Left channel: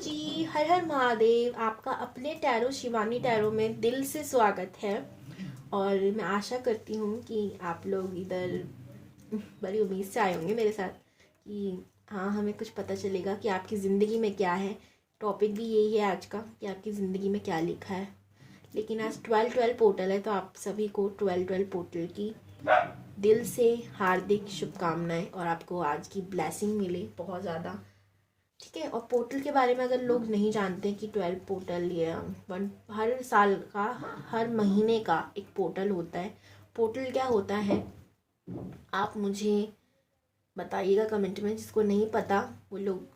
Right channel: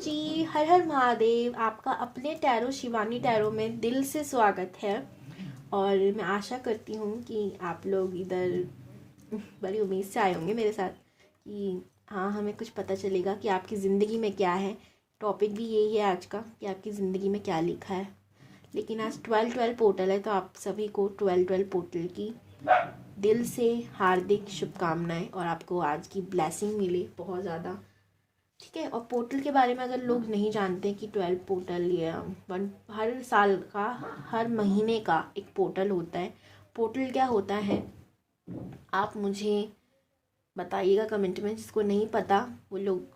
जी, हर हर महादेव। आपका अपने tarot Shivani tarot में दिल से स्वागत है। और मैं आशा करती हूँ कि आप लोग इधर बड़ी उम्मीद से आए होंगे मेरे साथ कि हाँ, हमें कुछ पता चलेगा कि आपकी ज़िंदगी में क्या है। टॉपिक भी यही है आज का कि आपकी ज़िंदगी में क्या लिखा है। लेकिन आज 12-12 पोर्टल है, तो आप सभी को 12-12 पोर्टल की दिल से हार्दिक शुभकामनाएं और आपको आज की ब्लेसिंग मिले बहुत ज़्यादा। ठीक है। और पोर्टल के बारे में अगर लोग नहीं जानते कि 12 पोर्टल या हर साल का हर महीने का एक पोर्टल होता है। पोर्टल क्या होता है आप मुझे बताइएगा कमेंट में। जिसको नहीं पता वो लोग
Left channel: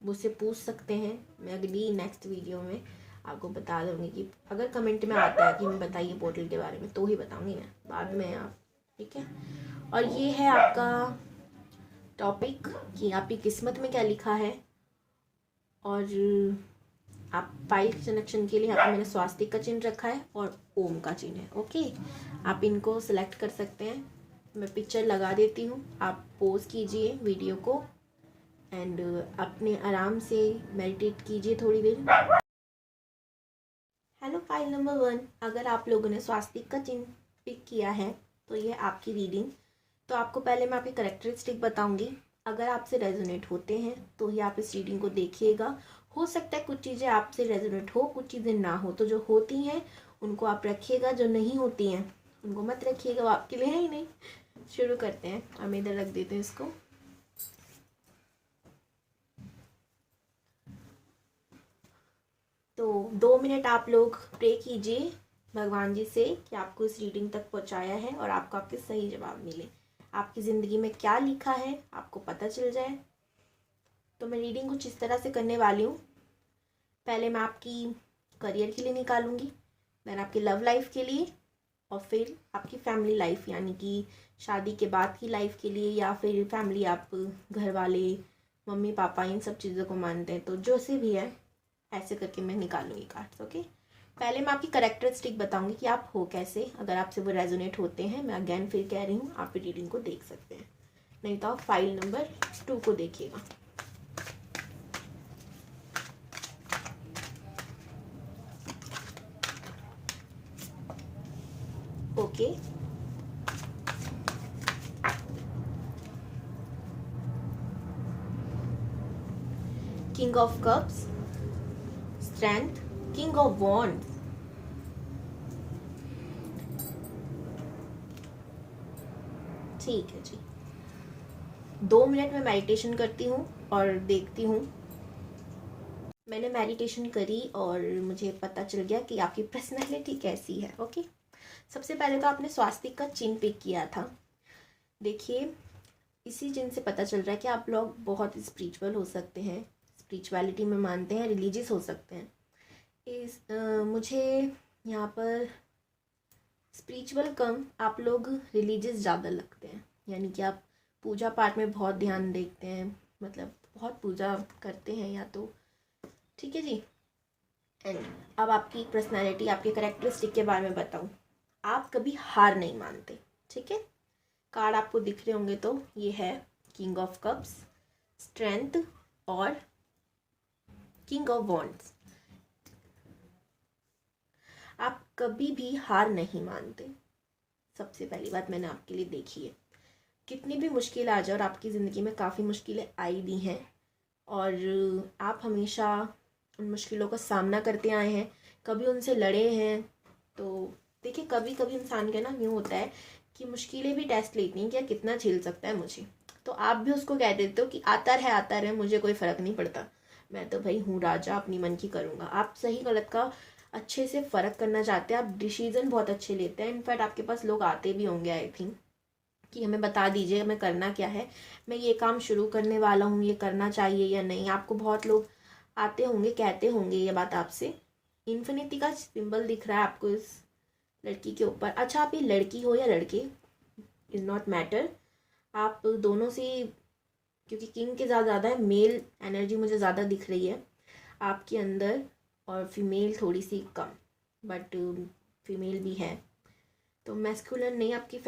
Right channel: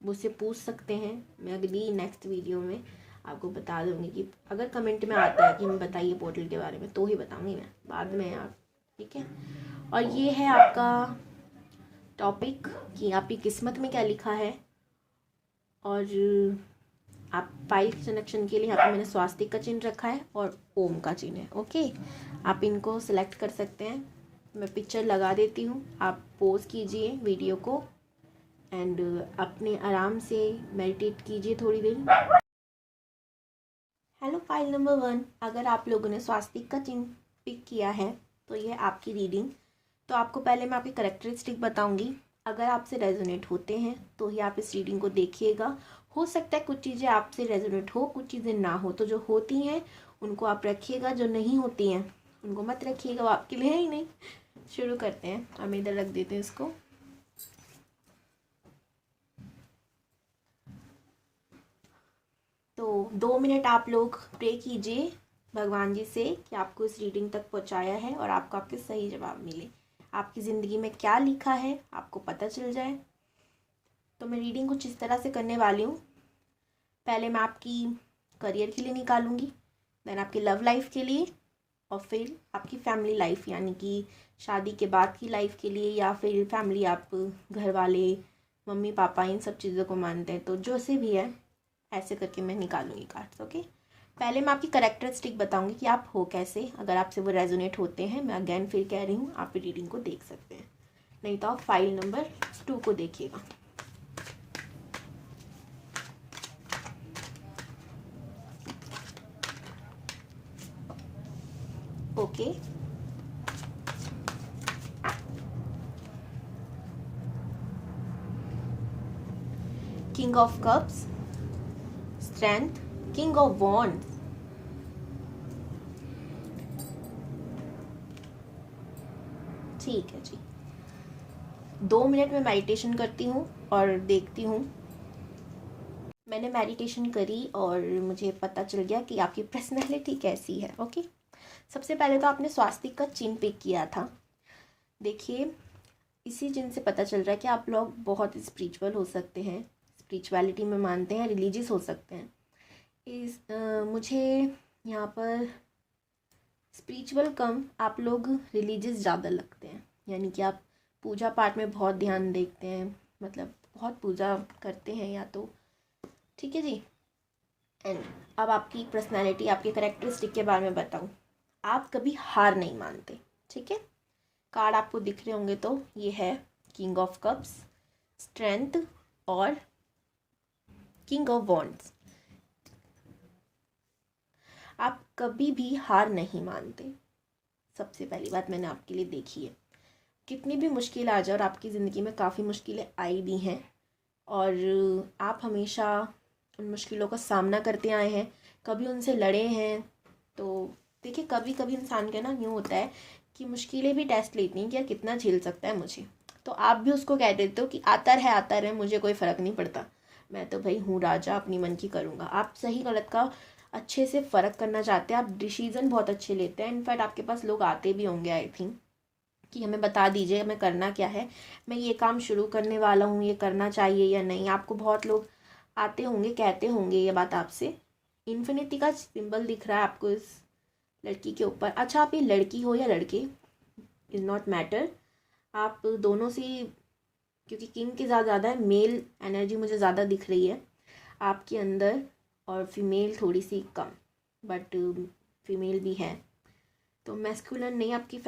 मुझसे पूछ सकते हैं। मैं अगली नेक्स्ट वीडियो में आपको बता दूंगी कि अगर कमेंट में आता है कि मैं बताइए पोर्टल के बारे में तो ही बताऊंगी मैं, बाद में आप। ठीक है। और ये है आपका टॉपिक कि आपकी किस्मत में क्या लिखा है। और आप फाइल कनेक्शन के लिए यहाँ पे मैंने स्वास्तिक का चिन्ह रखा है और ओम का चिन्ह है। ओके, आप इनको सिलेक्ट कर सकते हैं। मैं पिक्चर लगा देती हूँ, आप पोज कीजिए वीडियो को एंड अपने आराम से मेडिटेट कीजिए थोड़ी देर। हेलो फाइल नंबर 1, अगर आप लोगों ने स्वास्तिक का चिन्ह पिक किया है तो ये आपकी रीडिंग। तो आपको पहले मैं आपकी करेक्टरिस्टिक बताऊंगी। अगर आपसे रेजोनेट होते हैं तो ही आप इस रीडिंग को देखिएगा। हो सकता है कुछ चीज़ें आपसे रेजोनेट हो, कुछ चीज़ें ना हो। तो जो होती हैं उनको आप रखिएगा, जो नहीं होती हैं उनको मत रखिएगा, वो आपके लिए है ही नहीं। शुरू करते हैं। हम इधर रख देते हैं इसको। तो 2 मिनट आप लोग प्रे कीजिए भगवान जी से कि आपको इस रीडिंग तक पहुंचाया है और आपको आपके सही जवाब मिले। आपकी ज़िंदगी में क्या लिखा है आपको पता चल जाए। तो मैं रीडिंग कुछ इस तरह से करने वाली हूँ। पहले मैं आपकी करियर के लिए निकालूंगी, देन आपकी लव लाइफ के लिए, और फिर आपकी फैमिली लाइफ यानी कि शादी के बाद की लाइफ के लिए, या फिर फैमिली आप घर वाले मम्मी पापा इन सब चीज़ों को मानते हैं तो जो से भी है ऐसे करके मैं निकालूंगी कार्ड्स। ओके, पहले मैं आपकी करेक्टरिस्टिक बताऊंगी कि आप हो कैसे। अगर आपसे वो रेजोनेट होते हैं, मैं अगेन फिर कह रही हूँ, आप रीडिंग को देख सकते हैं। नहीं तो आप फाइल नंबर 2 को देखिएगा। Okay, king of cups, strength, king of wands, ठीक है जी। 2 मिनट में मेडिटेशन करती हूँ और देखती हूँ। मैंने मेडिटेशन करी और मुझे पता चल गया कि आपकी पर्सनैलिटी कैसी है। ओके, सबसे पहले तो आपने स्वास्तिक का चिन्ह पिक किया था। देखिए, इसी चिन्ह से पता चल रहा है कि आप लोग बहुत स्पिरिचुअल हो सकते हैं, स्पिरिचुअलिटी में मानते हैं, रिलीजियस हो सकते हैं। मुझे यहाँ पर स्पिरिचुअल कम आप लोग रिलीजियस ज़्यादा लगते हैं। यानी कि आप पूजा पाठ में बहुत ध्यान देखते हैं, मतलब बहुत पूजा करते हैं या तो। ठीक है जी। एंड अब आपकी पर्सनालिटी, आपके करेक्टरिस्टिक के बारे में बताऊँ। आप कभी हार नहीं मानते। ठीक है। कार्ड आपको दिख रहे होंगे तो ये है किंग ऑफ कप्स, स्ट्रेंथ और किंग ऑफ वॉन्ड्स। आप कभी भी हार नहीं मानते। सबसे पहली बात मैंने आपके लिए देखी है। कितनी भी मुश्किल आ जाए, और आपकी ज़िंदगी में काफ़ी मुश्किलें आई भी हैं और आप हमेशा उन मुश्किलों का सामना करते आए हैं, कभी उनसे लड़े हैं। तो देखिए, कभी कभी इंसान का ना यूँ होता है कि मुश्किलें भी टेस्ट लेती हैं कि यार कितना झेल सकता है मुझे। तो आप भी उसको कह देते हो कि आता रहे, मुझे कोई फ़र्क नहीं पड़ता, मैं तो भाई हूँ राजा, अपनी मन की करूँगा। आप सही गलत का अच्छे से फ़र्क करना चाहते हैं, आप डिसीज़न बहुत अच्छे लेते हैं। इनफैक्ट आपके पास लोग आते भी होंगे आई थिंक कि हमें बता दीजिए हमें करना क्या है, मैं ये काम शुरू करने वाला हूँ, ये करना चाहिए या नहीं। आपको बहुत लोग आते होंगे, कहते होंगे ये बात आपसे। इन्फिनिटी का सिंबल दिख रहा है आपको इस लड़की के ऊपर। अच्छा, आप ये लड़की हो या लड़के, इज़ नॉट मैटर। आप दोनों से, क्योंकि किंग के ज़्यादा है, मेल एनर्जी मुझे ज़्यादा दिख रही है आपके अंदर, और फीमेल थोड़ी सी कम, बट फीमेल भी है। तो मैस्कुलन नहीं, आपकी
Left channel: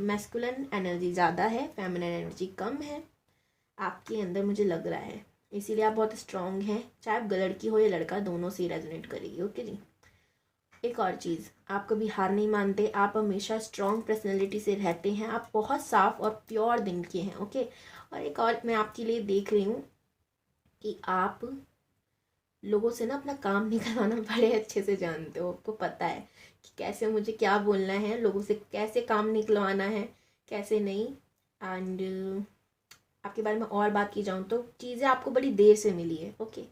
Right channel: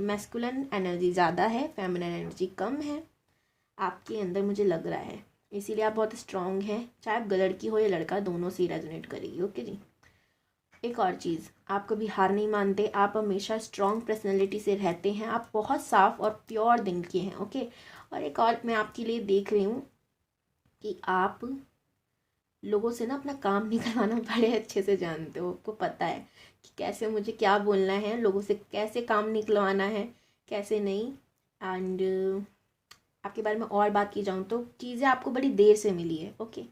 मैस्कुलन एनर्जी ज़्यादा है, फेमिनिन एनर्जी कम है आपके अंदर, मुझे लग रहा है। इसीलिए आप बहुत स्ट्रांग हैं, चाहे आप लड़की हो या लड़का, दोनों से रेजोनेट करेगी। ओके जी। एक और चीज़, आप कभी हार नहीं मानते, आप हमेशा स्ट्रांग पर्सनैलिटी से रहते हैं, आप बहुत साफ और प्योर दिल के हैं। ओके। और एक और मैं आपके लिए देख रही हूँ कि आप लोगों से ना अपना काम निकलवाना बड़े अच्छे से जानते हो। आपको पता है कि कैसे मुझे क्या बोलना है, लोगों से कैसे काम निकलवाना है, कैसे नहीं। एंड आपके बारे में और बात की जाऊँ तो चीज़ें आपको बड़ी देर से मिली है। ओके।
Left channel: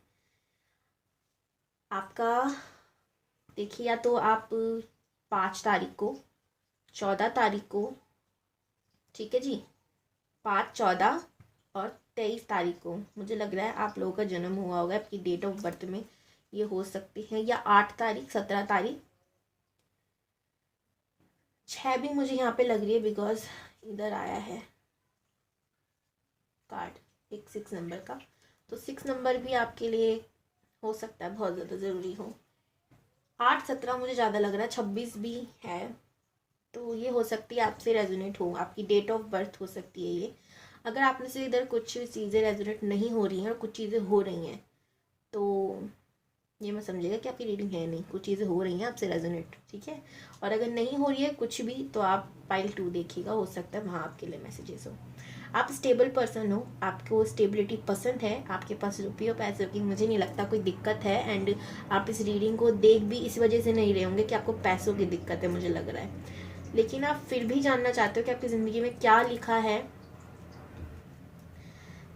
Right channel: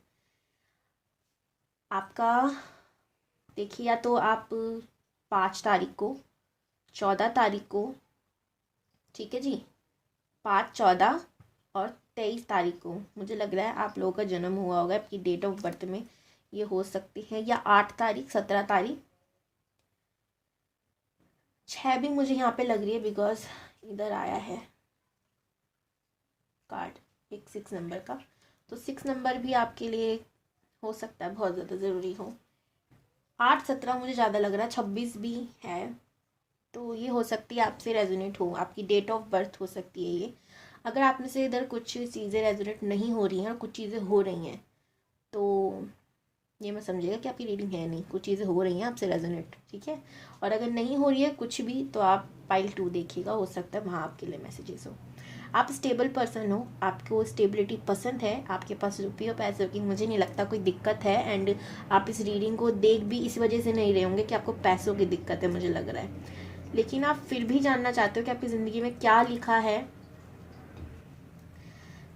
आपका देखिए, या तो आप 5 तारीख को, 14 तारीख को, ठीक है जी, 5, 14 और 23 तारीख को मुझे लग रहा है आप लोगों का जन्म हुआ होगा। आपकी डेट ऑफ बर्थ में ये हो सकती है, या 8 तारीख, 17 तारीख, 6 भी मुझे यहाँ पे लग रही है बिकॉज इधर आया है कार्ड एक 6 नंबर का, तो 6 नंबर भी आपके लिए हो सकता है बहुत ज़्यादा ज़रूरी हो। 8, 17 मुझे ज़्यादा लग रहा है, 26 भी है, तो ये हो सकती है आपसे रेजोनेट हो, आपकी डेट ऑफ बर्थ हो सकती है ये। अगर आप में से इधर कुछ चीज़ें रेजोनेट नहीं हो रही हैं और कुछ चीज़ें हो रही हैं, तो ये मैं समझिएगा कि आपकी रीडिंग है नहीं, कुछ चीज़ें हो रही हैं आपसे रेजोनेट, ठीक है। और अगर नहीं हो रही है कुछ भी, तो आप पाइल 2 देखिएगा, हो सकता है वहाँ आपके लिए मैसेजेस हो। आप स्टेबल पर्सन हो, आपको स्टेबिलिटी पसंद है, आपके पास रुपये पैसे की मुझे नहीं लगता कोई दिक्कत है। एंड आप इस रीडिंग को देख भी इस वजह से नहीं रहे होंगे कि आपको पैसों की दिक्कत है, मुझे लग रहा है। लेकिन आप फिर भी जानना चाहते हो कि आपकी ज़िंदगी में क्या लिखा है।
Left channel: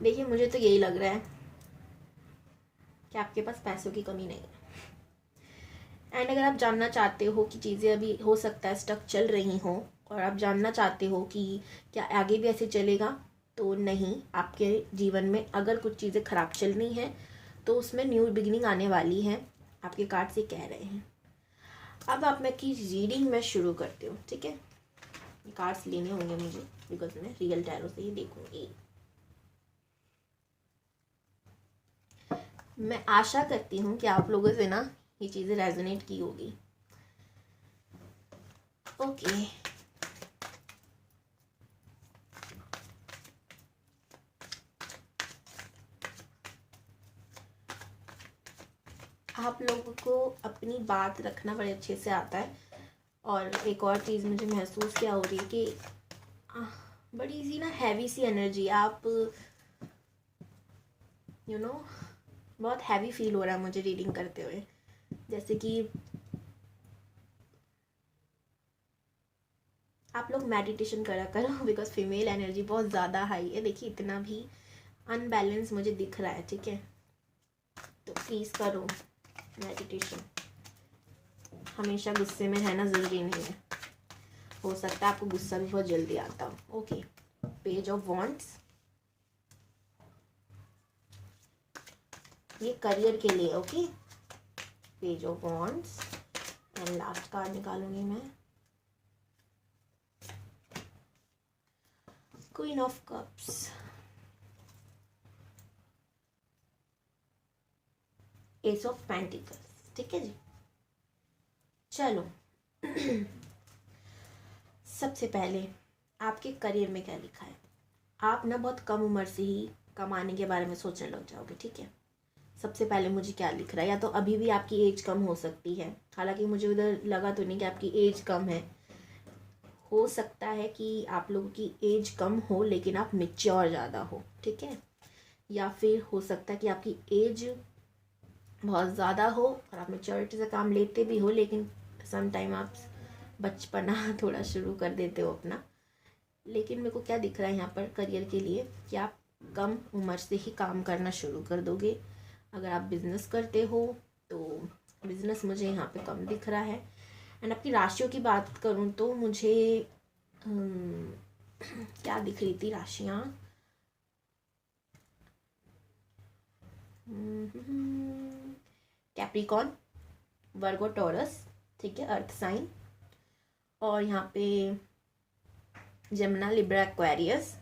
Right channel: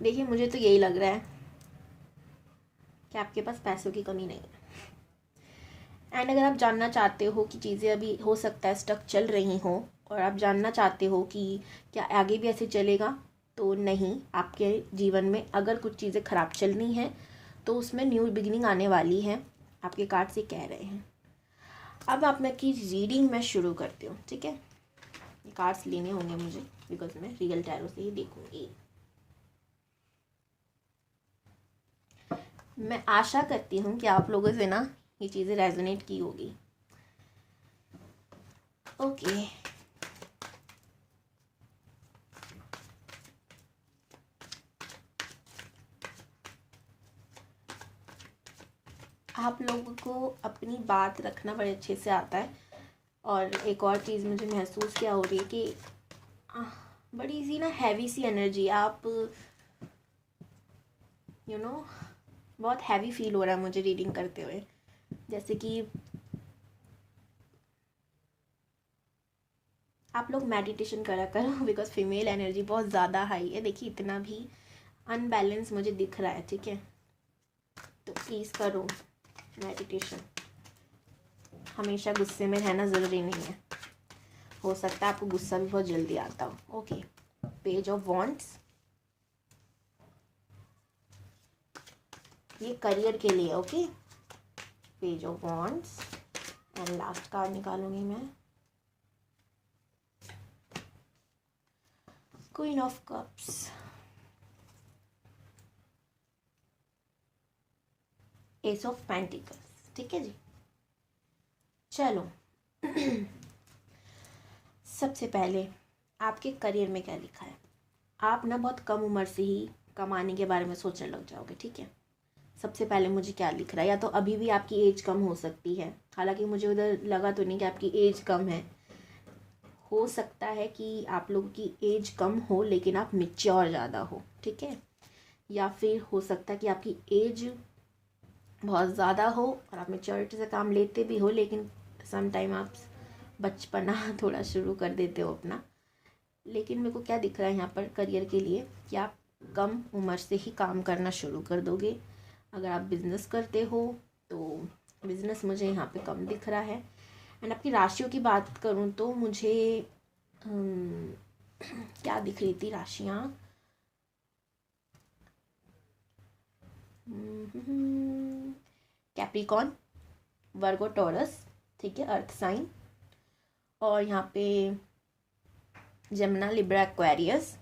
देखिए, मुझे तो यही लग रहा है कि आपके पास पैसों की कमी नहीं है। एंड अगर आप जानना चाहते हो कि चीज़ें अभी हो सकता है स्टक चल रही हों, और आप जानना चाहते हो कि क्या आगे भी ऐसे चलेगा, तो नहीं, आपके जीवन में अगर कुछ चीज़ें ख़राब चल रही हैं तो उसमें न्यू बिगिनिंग आने वाली है, आपके कार्ड से कह रहे हैं। अब आप मैं की रीडिंग मैं शुरू करती हूँ, ठीक है। ये कार्ड्स लेने होंगे मुझे बिकॉज मैं रियल टैरो से ही देखूंगी। मैं आशा करती हूँ कि आप लोगों से ना ये चीज़ें रेजोनेट की होगी। ओके। आप लोगों को अपनी बात रखना बड़े अच्छे से आता है। और एक और चीज़ मुझे महसूस क्या हो रही है कि बड़ी सी ना हैवी सी एनर्जी, आप यू नो बहुत हैवी फील हो रहा है मुझे रीडिंग करते हुए, जैसे कि आप लोग मेडिटेशन करा करो बिकॉज फीमेल एनर्जी बहुत ज़्यादा हाई है। देखिए, इतना भी अनबैलेंस मुझे दिख रहा है, ठीक है, तो प्लीज़ करो मेडिटेशन। हमेशा गुस्से में रहना ज़रूरी नहीं है, हो सकता है आपको गुस्सा भी बहुत जल्दी आता हो। ओके। पेज ऑफ वॉन्ड्स, ये करियर के लिए। Okay. Page of wands and last card निकालूंगी मैं, queen of cups, ace of pentacles, ठीक है जी। चलो सबसे पहले आपके करियर में क्या लिखा है। आप ना बहुत कम उम्र से ही कमाने के बारे में सोचने लग जाओगे, ठीक है। सबसे पहले मुझे क्या लिख रहा है, या तो अभी भी आपकी एज कम हो सकती है, हालांकि मुझे उधर लगा तो नहीं कि आपकी एज कम है। हो सकता है कि आप लोगों की एज कम हो लेकिन आप मैच्योर ज़्यादा हो, ठीक है। या फिर हो सकता है कि आपकी एज बहुत ज़्यादा हो और आप मैच्योरिटी से काम लेते भी हो, लेकिन सम टाइम आप बचपना थोड़ा शुरू कर देते हो अपना। लेकिन मेरे को क्या दिख रहा है यहाँ पर करियर के लिए कि आप कम उम्र से ही काम करना शुरू कर दोगे। अगर आप बिज़नेस करते हो तो बिज़नेस मुझे यहाँ पे कम दिख रहा है। एंड आपकी राशियों की बात करूँ तो मुझे क्या दिख रही थी राशियाँ, कैप्रिकॉन, वर्गो, टॉरस, ठीक है, अर्थ साइन, और यहाँ पे जमुना, लिब्रा, एक्वेरियस,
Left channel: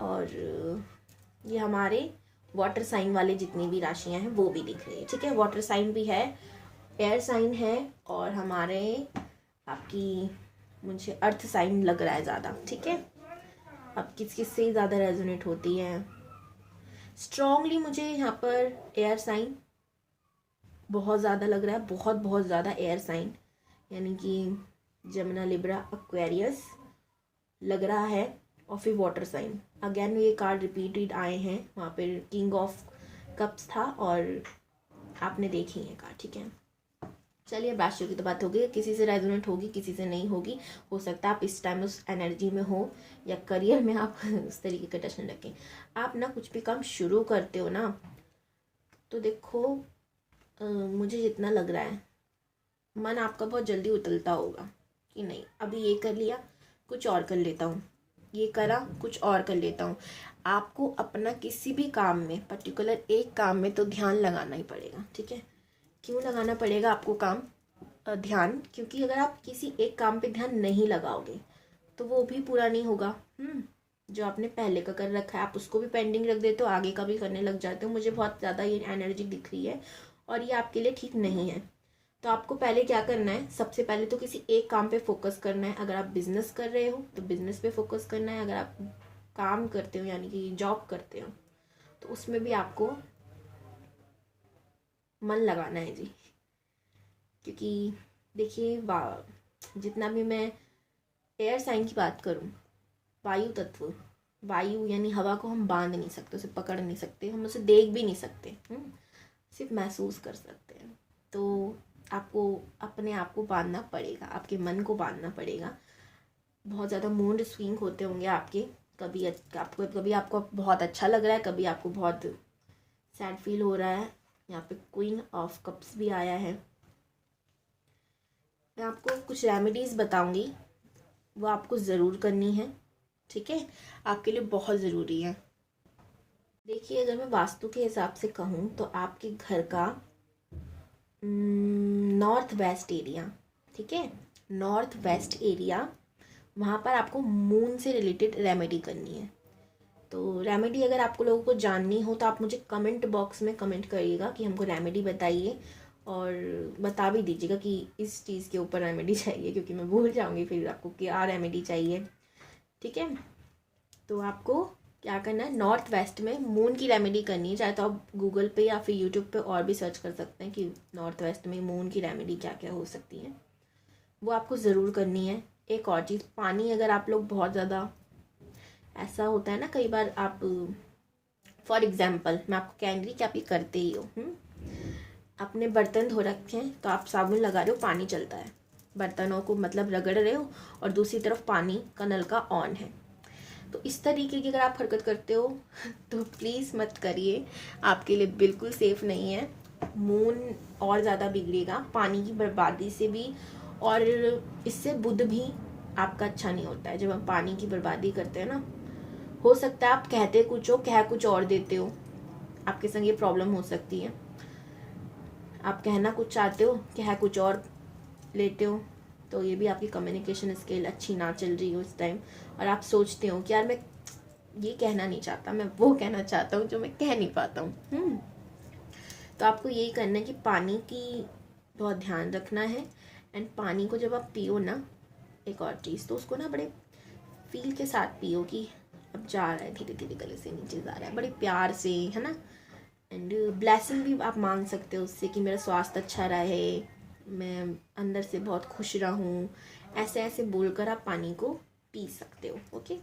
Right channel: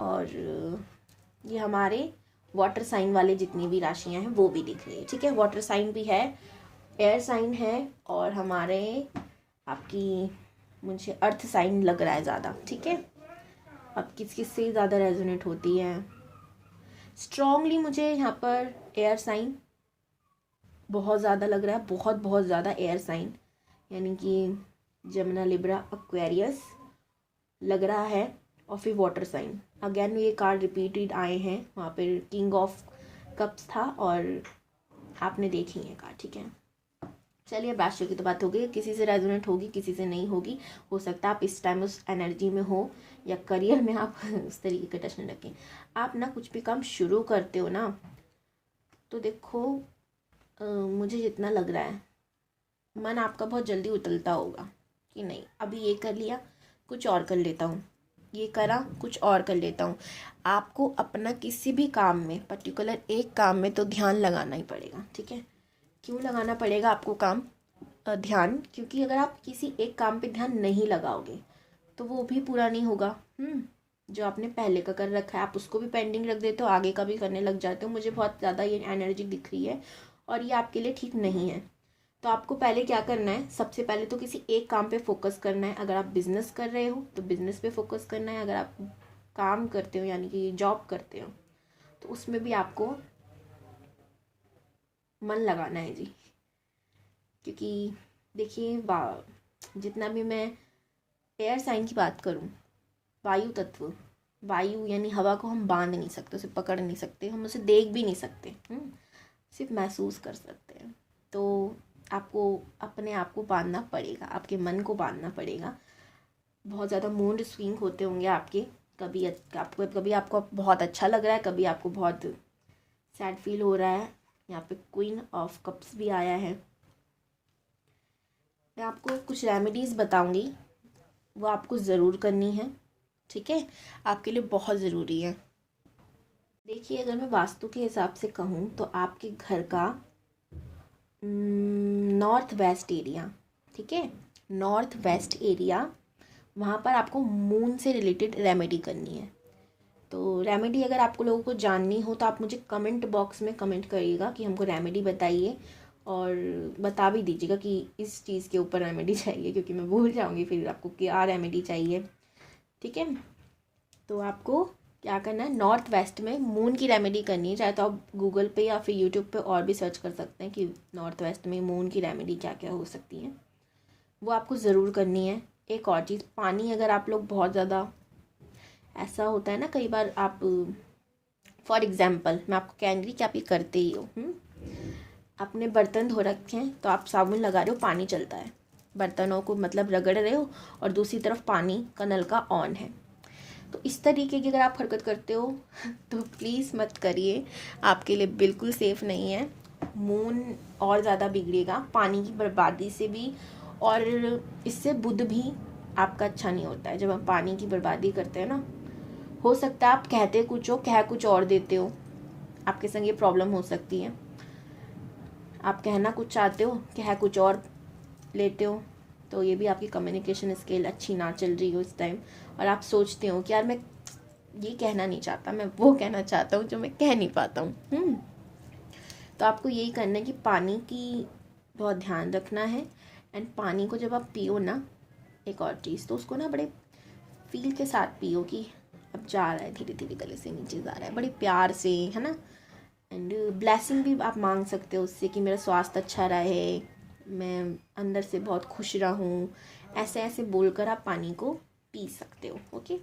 और ये हमारे वाटर साइन वाले जितनी भी राशियां हैं वो भी दिख रही है, ठीक है। वाटर साइन भी है, एयर साइन है, और हमारे आपकी मुझे अर्थ साइन लग रहा है ज़्यादा, ठीक है। अब किस किस से ज़्यादा रेजोनेट होती है, स्ट्रांगली मुझे यहाँ पर एयर साइन बहुत ज़्यादा लग रहा है, बहुत बहुत ज़्यादा एयर साइन, यानी कि जमुना, लिब्रा, एक्वेरियस लग रहा है, और फिर वाटर साइन। अगेन ये कार्ड रिपीटेड आए हैं, वहाँ पर किंग ऑफ कप्स था और आपने देखी है कार्ड, ठीक है। चलिए अब राशियों की तो बात होगी, किसी से रेजोनेट होगी, किसी से नहीं होगी। हो सकता है आप इस टाइम उस एनर्जी में हो, या करियर में आप उस तरीके का टच रखें। आप ना कुछ भी काम शुरू करते हो ना, तो देखो मुझे जितना लग रहा है मन आपका बहुत जल्दी उतलता होगा कि नहीं अभी ये कर लिया, कुछ और कर लेता हूँ, ये करा, कुछ और कर लेता हूँ। आपको अपना किसी भी काम में, पर्टिकुलर एक काम में तो ध्यान लगाना ही पड़ेगा, ठीक है। क्यों लगाना पड़ेगा आपको काम ध्यान? क्योंकि अगर आप किसी एक काम पे ध्यान नहीं लगाओगे तो वो भी पूरा नहीं होगा। जो आपने पहले का कर रखा है आप उसको भी पेंडिंग रख देते हो, आगे का भी करने लग जाते हो। मुझे बहुत ज़्यादा ये एनर्जी दिख रही है और ये आपके लिए ठीक नहीं है। तो आपको पहले क्या करना है, सबसे पहले तो किसी एक काम पे फोकस करना है। अगर आप बिजनेस कर रहे हो तो बिजनेस पे फोकस करना है। अगर आप काम करते हो यानी कि जॉब करते हो तो उसमें भी आपको मन लगाना है जी। क्योंकि देखिए जितना भी मैं एयर साइन की बात करूं, वायु तत्व, वायु यानी हवा को हम बांध नहीं सकते, उसे पकड़ नहीं सकते, हम उसे देख भी नहीं सकते, सिर्फ महसूस कर सकते हैं। तो आपको अपने आप को बांधना पड़ेगा, आपके मन को बांधना पड़ेगा। बहुत ज़्यादा मूड स्विंग होते होंगे आपके, कभी आपको बहुत अच्छा लग रहा है, कभी आपको बहुत सैड फील हो रहा है। यहाँ पे क्वीन ऑफ कप्स भी आया है। मैं आपको कुछ रेमेडीज़ बताऊंगी, वो आपको ज़रूर करनी है, ठीक है, आपके लिए बहुत ज़रूरी है। देखिए अगर मैं वास्तु के हिसाब से कहूँ तो आपके घर का नॉर्थ वेस्ट एरिया, ठीक है, नॉर्थ वेस्ट एरिया, वहाँ पर आपको मून से रिलेटेड रेमेडी करनी है। तो रेमेडी अगर आपको लोगों को जाननी हो तो आप मुझे कमेंट बॉक्स में कमेंट करिएगा कि हमको रेमेडी बताइए, और बता भी दीजिएगा कि इस चीज़ के ऊपर रेमेडी चाहिए, क्योंकि मैं भूल जाऊँगी फिर आपको क्या रेमेडी चाहिए, ठीक है। तो आपको क्या करना है, नॉर्थ वेस्ट में मून की रेमेडी करनी है। चाहे तो आप गूगल पे या फिर यूट्यूब पे और भी सर्च कर सकते हैं कि नॉर्थ वेस्ट में मून की रेमेडी क्या क्या हो सकती है, वो आपको ज़रूर करनी है। एक और चीज़, पानी, अगर आप लोग बहुत ज़्यादा, ऐसा होता है ना कई बार, आप फॉर एग्जाम्पल मैं आपको कहेंगी कि आप ये करते ही हो, अपने बर्तन धो रखे हैं तो आप साबुन लगा रहे हो, पानी चलता है, बर्तनों को मतलब रगड़ रहे हो, और दूसरी तरफ पानी का नल का ऑन है। तो इस तरीके की अगर आप हरकत करते हो तो प्लीज़ मत करिए, आपके लिए बिल्कुल सेफ़ नहीं है। मून और ज़्यादा बिगड़ेगा पानी की बर्बादी से भी, और इससे बुध भी आपका अच्छा नहीं होता है। जब हम पानी की बर्बादी करते हैं ना, हो सकता है आप कहते कुछ हो, कह कुछ और देते हो, आपके संग ये प्रॉब्लम हो सकती है। आप कहना कुछ चाहते हो, कह कुछ और लेते हो, तो ये भी आपकी कम्युनिकेशन स्किल अच्छी ना चल रही हो इस टाइम, और आप सोचते हो कि यार मैं ये कहना नहीं चाहता, मैं वो कहना चाहता हूँ जो मैं कह नहीं पाता हूँ। तो आपको यही करना है कि पानी की बहुत ध्यान रखना है। एंड पानी को जब आप पियो ना, एक और चीज़, तो उसको ना बड़े फील के साथ पियो कि अब जा रहा है, धीरे धीरे गले से नीचे जा रहा है, बड़े प्यार से, है ना। एंड ब्लेसिंग भी आप मांग सकते हो उससे कि मेरा स्वास्थ्य अच्छा रहे, मैं अंदर से बहुत खुश रहूं, ऐसे ऐसे बोलकर आप पानी को पी सकते हो। ओके,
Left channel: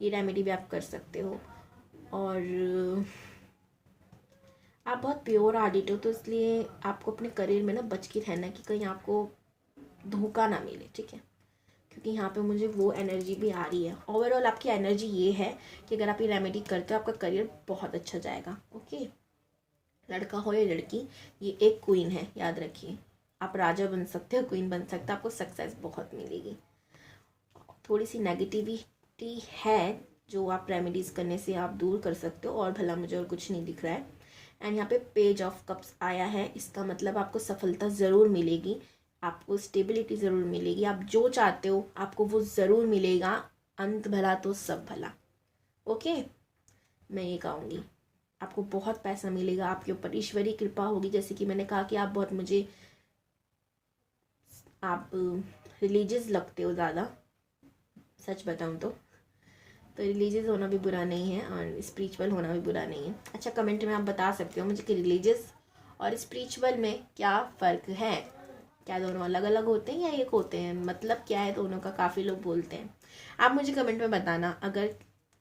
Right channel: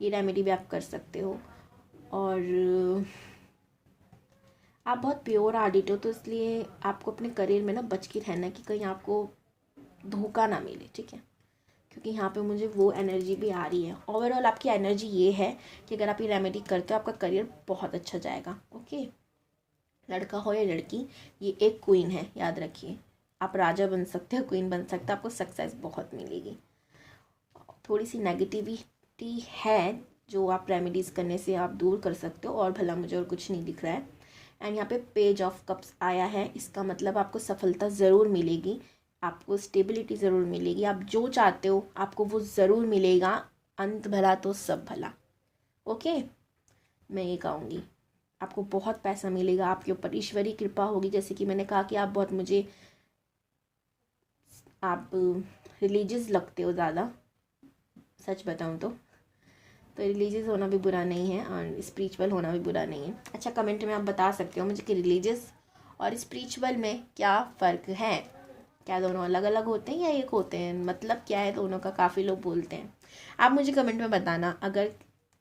ये रेमेडी भी आप कर सकते हो। और आप बहुत प्योर आर्टिस्ट हो, तो इसलिए आपको अपने करियर में ना बच के रहना कि कहीं आपको धोखा ना मिले, ठीक है, क्योंकि यहाँ पे मुझे वो एनर्जी भी आ रही है। ओवरऑल आपकी एनर्जी ये है कि अगर आप ये रेमेडी करते हो आपका करियर बहुत अच्छा जाएगा। ओके, लड़का हो या लड़की, ये एक क्वीन है, याद रखिए। आप राजा बन सकते हो, क्वीन बन सकते हो, आपको सक्सेस बहुत मिलेगी। थोड़ी सी नेगेटिविटी है जो आप रेमेडीज़ करने से आप दूर कर सकते हो, और भला मुझे और कुछ नहीं दिख रहा है। एंड यहाँ पे पेज ऑफ कप्स आया है, इसका मतलब आपको सफलता ज़रूर मिलेगी, आपको स्टेबिलिटी ज़रूर मिलेगी, आप जो चाहते हो आपको वो ज़रूर मिलेगा। अंत भला तो सब भला। ओके, मैं ये कहूँगी आपको बहुत पैसा मिलेगा, आपके ऊपर ईश्वरीय कृपा होगी। जैसे कि मैंने कहा कि आप बहुत मुझे, आप रिलीजियस लगते हो ज़्यादा, सच बताऊँ तो रिलीजियस होना भी बुरा नहीं है और स्पिरिचुअल होना भी बुरा नहीं है। अच्छा, कमेंट में आप बता सकते हो मुझे कि रिलीजियस और स्पिरिचुअल में क्या फ़र्क है, क्या दोनों अलग अलग होते हैं या एक होते हैं, मतलब क्या है दोनों का, काफ़ी लोग बोलते हैं। आप मुझे कमेंट में बताना। अगर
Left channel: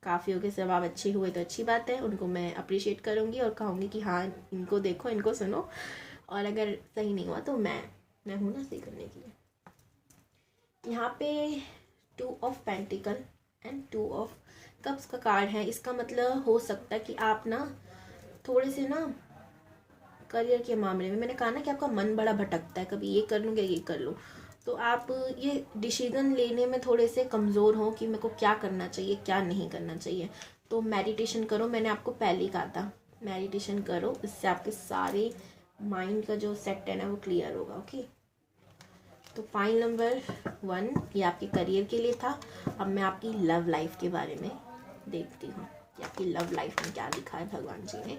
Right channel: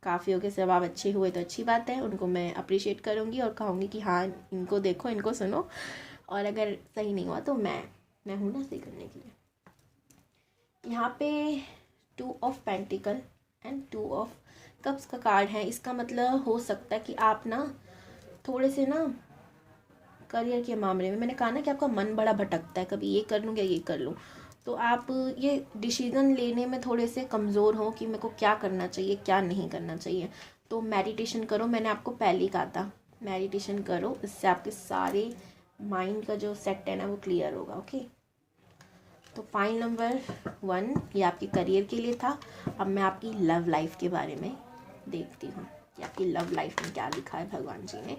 काफ़ियों के जवाब अच्छे हुए तो अच्छी बात है, उनको मैं अप्रिशिएट करूँगी और कहूँगी कि हाँ इनको देखो, इनको सुनो। और अगर सही नहीं हुआ तो मैं हूँ ना सही करने के लिए। यहाँ पे 2 of pentacle and 2 of cups का कार्ड है। इसका मतलब हो सकता है कि आप ना थोड़े से ना करियर के मामले में, मैंने कहा ना कि आपका मन बड़ा भटकता है, कभी ये कर लूँ या ये कर लूँ, तो आप ये डिसीजन लेने में थोड़े से कमज़ोर हो कि मेरे को क्या करना चाहिए क्या नहीं करना चाहिए। तो मेडिटेशन करो, मैंने आपको पहले ही कहा था मेडिटेशन करो, इससे आपके सारे माइंड का जो सेट है ना वो क्लियर होगा। ओके, तो पॉइंट नंबर 1 ये आपके करियर के लिए था। अब मैं आपकी लव लाइफ के बारे में देखती हूँ कि आपकी लव लाइफ में क्या लिखा है भगवान जी ने।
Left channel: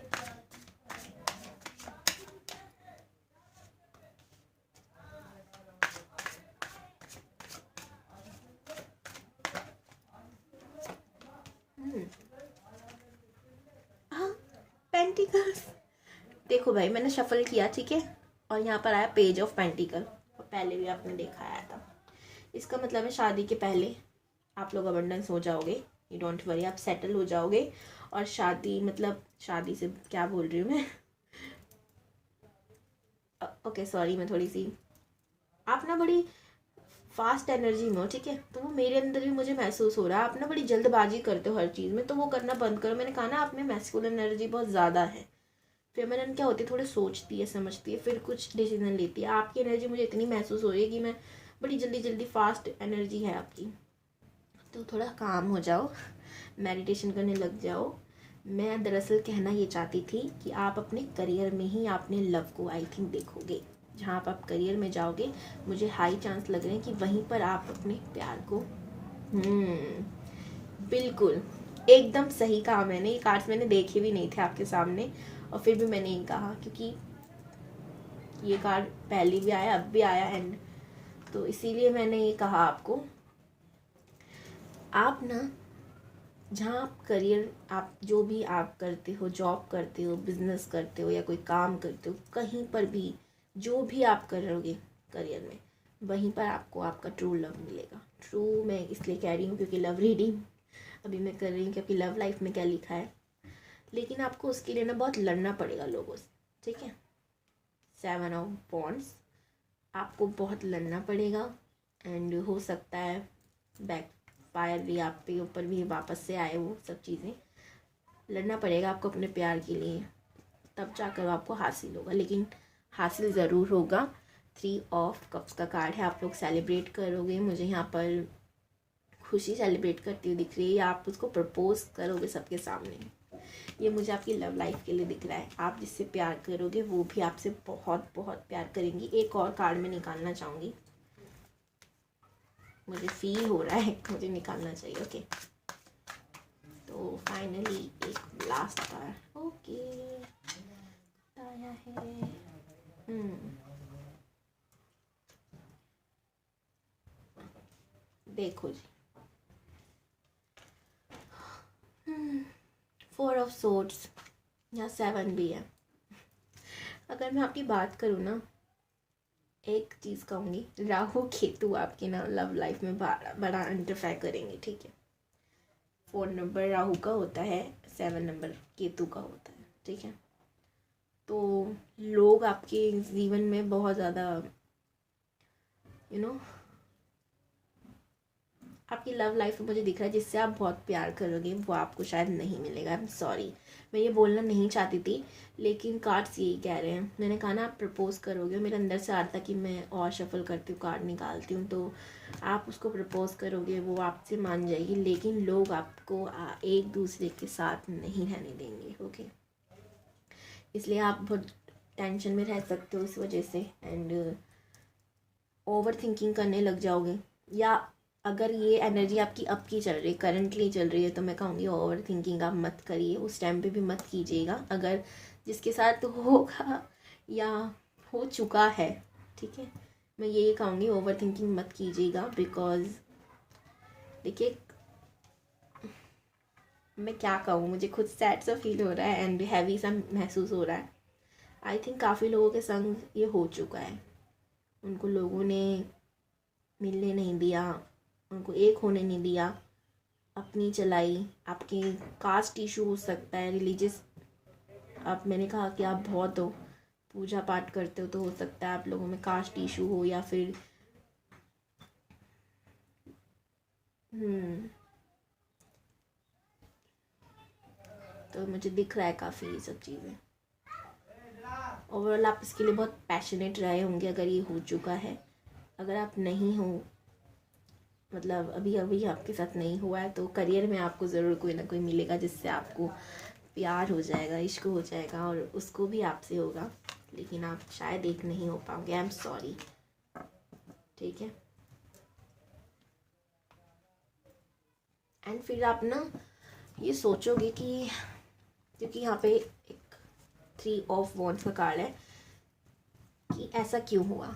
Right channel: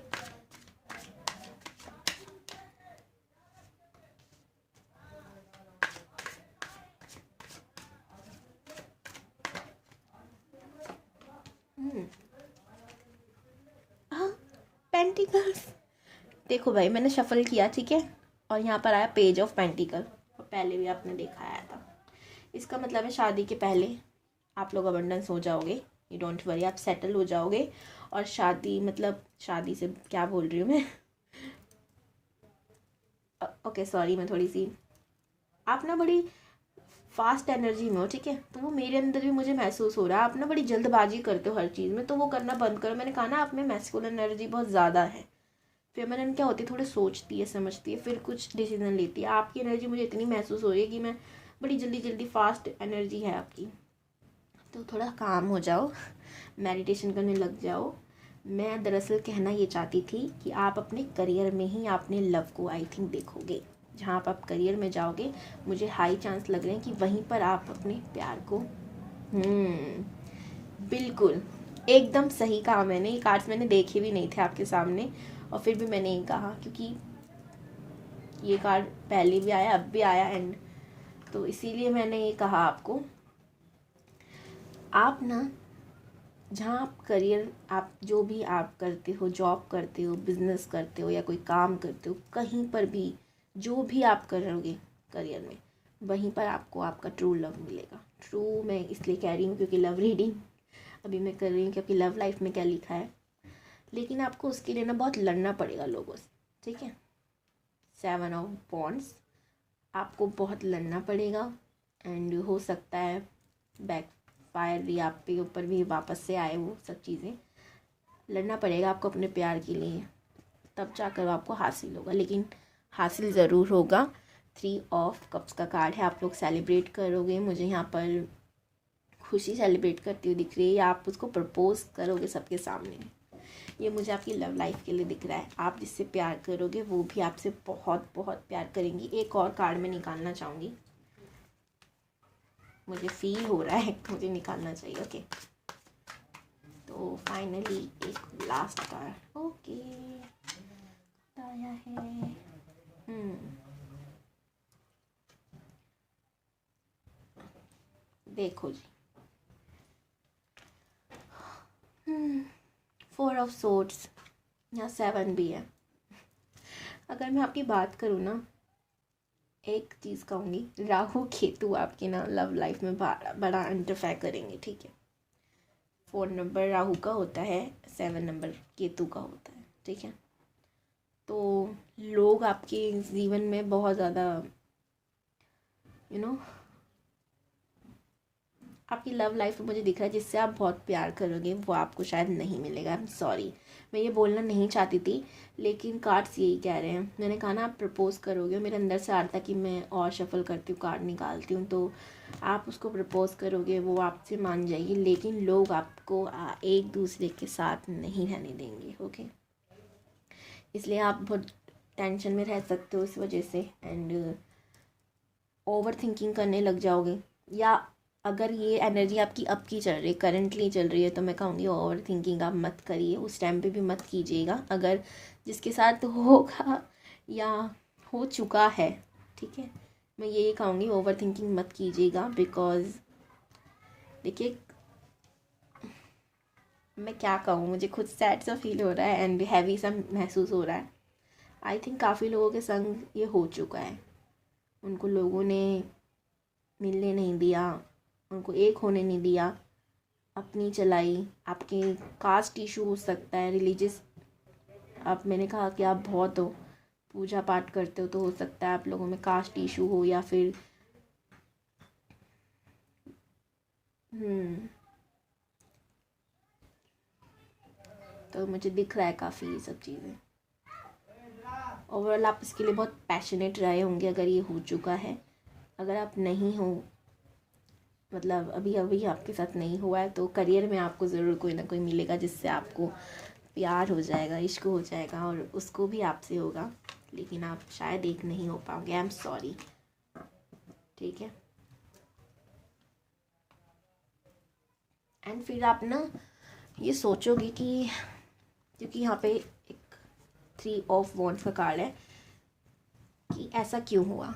हाँ, पेंटिकल्स। देखो भाई, मैंने शफल किया, ठीक है, और यहाँ पर आया पेज ऑफ पेंटिकल, और पहले भी आपने देखा आया था। इसका मतलब है शादी के पहले आप लोग अबंडेंस हो जाओगे, यू डोंट वरी, आप सेटल हो जाओगे। और शादी मतलब शादी से क्या बोल रही हूँ मैं ओके सॉरी, मैं थोड़ी सी, आप ना बड़ी फास्ट एनर्जी में हो, ठीक है, तो वो मेरे अंदर भी मुझे महसूस हो रहा है। आप ना बड़ी जल्दबाजी करते हो हर चीज़ में, तो वो करना बंद करो। मैंने कहा ना आप में मैस्कुलिन एनर्जी बहुत ज़्यादा है। फेमिनिन क्या होती है, थोड़ी सोचती है समझती है फिर कुछ डिसीजन लेती है। आपकी एनर्जी मुझे इतनी महसूस हो रही है कि मैं बड़ी जल्दी जल्दी फास्ट एनर्जी है आपकी, तो थोड़ा काम हो जाओ, मेडिटेशन करने लग जाओ। मैं दरअसल कहना ये चाहती थी कि आप अपने करियर में ही आपने लव को आई थिंक देखोगे। जहाँ आप करियर में जाओगे, मुझे हाई चांस लग रहे हैं कि वहीं पर आप अपने प्यार को बिल्कुल एकदम सही कहा मैंने। ये कार्ड्स मैंने देखे भी नहीं थे आपके सामने और फिर भी मैंने ये कहा क्योंकि ये कार्ड पहले भी आया अब भी आया एंड, तो इसीलिए मैंने ये कहा आपको। आप ना जहाँ आप करियर, आप जो भी आप करते हो, जॉब करते हो, बिजनेस करते हो या कोई काम करते हो, कहीं पर भी जो भी आप करोगे करियर में, वहीं पर आपको आपका ट्रू लव मिलेगा। ट्रू मैं इसलिए कह रही हूँ क्योंकि लव रीडिंग अभी मैं कर रही हूँ क्योंकि लव लाइफ में क्या लिखा है, लेकिन आपको उसके लिए ना बहुत लड़ना पड़ेगा लोगों से, ठीक है। 7 ऑफ वॉन्ड्स, आपको बहुत लड़ना पड़ेगा एंड हो सकता है बैक फायर भी आप पे ऊपर भी वापस से आए, वो सब चीज़ें लड़ना पड़ेगा आपको अपने प्यार के लिए, तब जाकर आपको हासिल होगा, लेकिन हासिल ज़रूर होगा। 3 ऑफ कप्स का कार्ड है, आप लोग सेलिब्रेट करोगे, मुझे यहाँ पर खुशी सेलिब्रेट करती हुई दिख रही है, या आप उसको प्रपोज करोगे सबके सामने, ये मुझे आपकी लव लाइफ के लिए दिख रहा है। आप जिससे प्यार करोगे वो भी आपसे बहुत बहुत प्यार करेंगी। एक और कार्ड में निकालना चाहूँगी, मुझे फील हो रहा है मुझे निकालना चाहिए। ओके, तो फाइनली एक लास्ट कार्ड ओके आया है। देखो जी, 4 ऑफ सोर्ड्स या 7 भी है। अगर मैं आपकी बात करूँ ना, एक चीज़ कहूँगी, राहु केतु आपके ना लव लाइफ में बड़ा इंटरफेयर करेंगे, ठीक है। 4 नंबर राहु का होता है, 7 नंबर केतु का होता है, ठीक है। तो लोग आपके जीवन में बहुत ज़्यादा आपकी लव लाइफ में मुझे दिख रहा है जिससे आप बहुत प्यार करोगे वो आपको शायद नहीं मिलेगा। आई एम सॉरी, मैं ये बोलना नहीं चाहती थी, लेकिन कार्ड्स यही कह रहे हैं। मैंने कहा ना आप प्रपोज करोगे, मेरे अंदर से आ रहा था कि मैं और शफल करती हूँ, कार्ड निकालती हूँ, तो आप उसको प्रपोज करोगे, वो आपसे मान जाएगी, लेकिन लोग आपको एक दूसरे के साथ नहीं रहने देंगे। ओके, इसलिए आप बहुत टेंशन में रह सकते हो इस वजह से एंड ओवर थिंकिंग करने लग जाओगे। या अगर ये एनर्जी आपकी अब की चल रही, करंटली चल रही है, तो मैं कहूँगी ओवर थिंकिंग आप मत करिए, उस टाइम पे भी मत कीजिएगा। अगर जिसके साथ होगा या हो चुका है, ठीक है, मैं ये कहूँगी ओवर थिंकिंग मत कीजिएगा। बिकॉज देखिए मैं क्या कहूँ, मुझे खुद सैड सा फील हो रहा है एंड हैवी सा महसूस हो रहा है। आई थिंक काफ़ी लोगों के संग ये हो चुका है। उनको लोगों ने मिलने नहीं दिया, उनको एक होने नहीं दिया, अपनी चलाई। आपके कास्ट इशू हो सकता है, रिलीजियस, आप, मैंने कहा कि आप बहुत हो, पूजा पाठ करते हो, तो हो सकता है आप लोगों में कास्ट इशू हो, या फिर तो मुझे दिख रहा है काफ़ी ये सब चीज़ें। ओवरऑल आप इसके लिए बहुत पैशनेट रहे होंगे अगर ये हो चुका है। अगर आप नहीं हो, मतलब अभी अभी आपके साथ नहीं हुआ है, तो करियर में आपको ज़रूर कोई ना कोई मिलेगा जिससे आपको प्यार हो जाएगा, इश्क हो जाएगा, और उसको भी आपसे होगा, लेकिन आप शायद एक नहीं हो पाओगे। आई एम सॉरी, ठीक है। एंड फिर आप ना ये सोचोगे कि, क्योंकि यहाँ पे एक 3 ऑफ वॉन्ड्स का कार्ड है, कि ऐसा क्यों हुआ।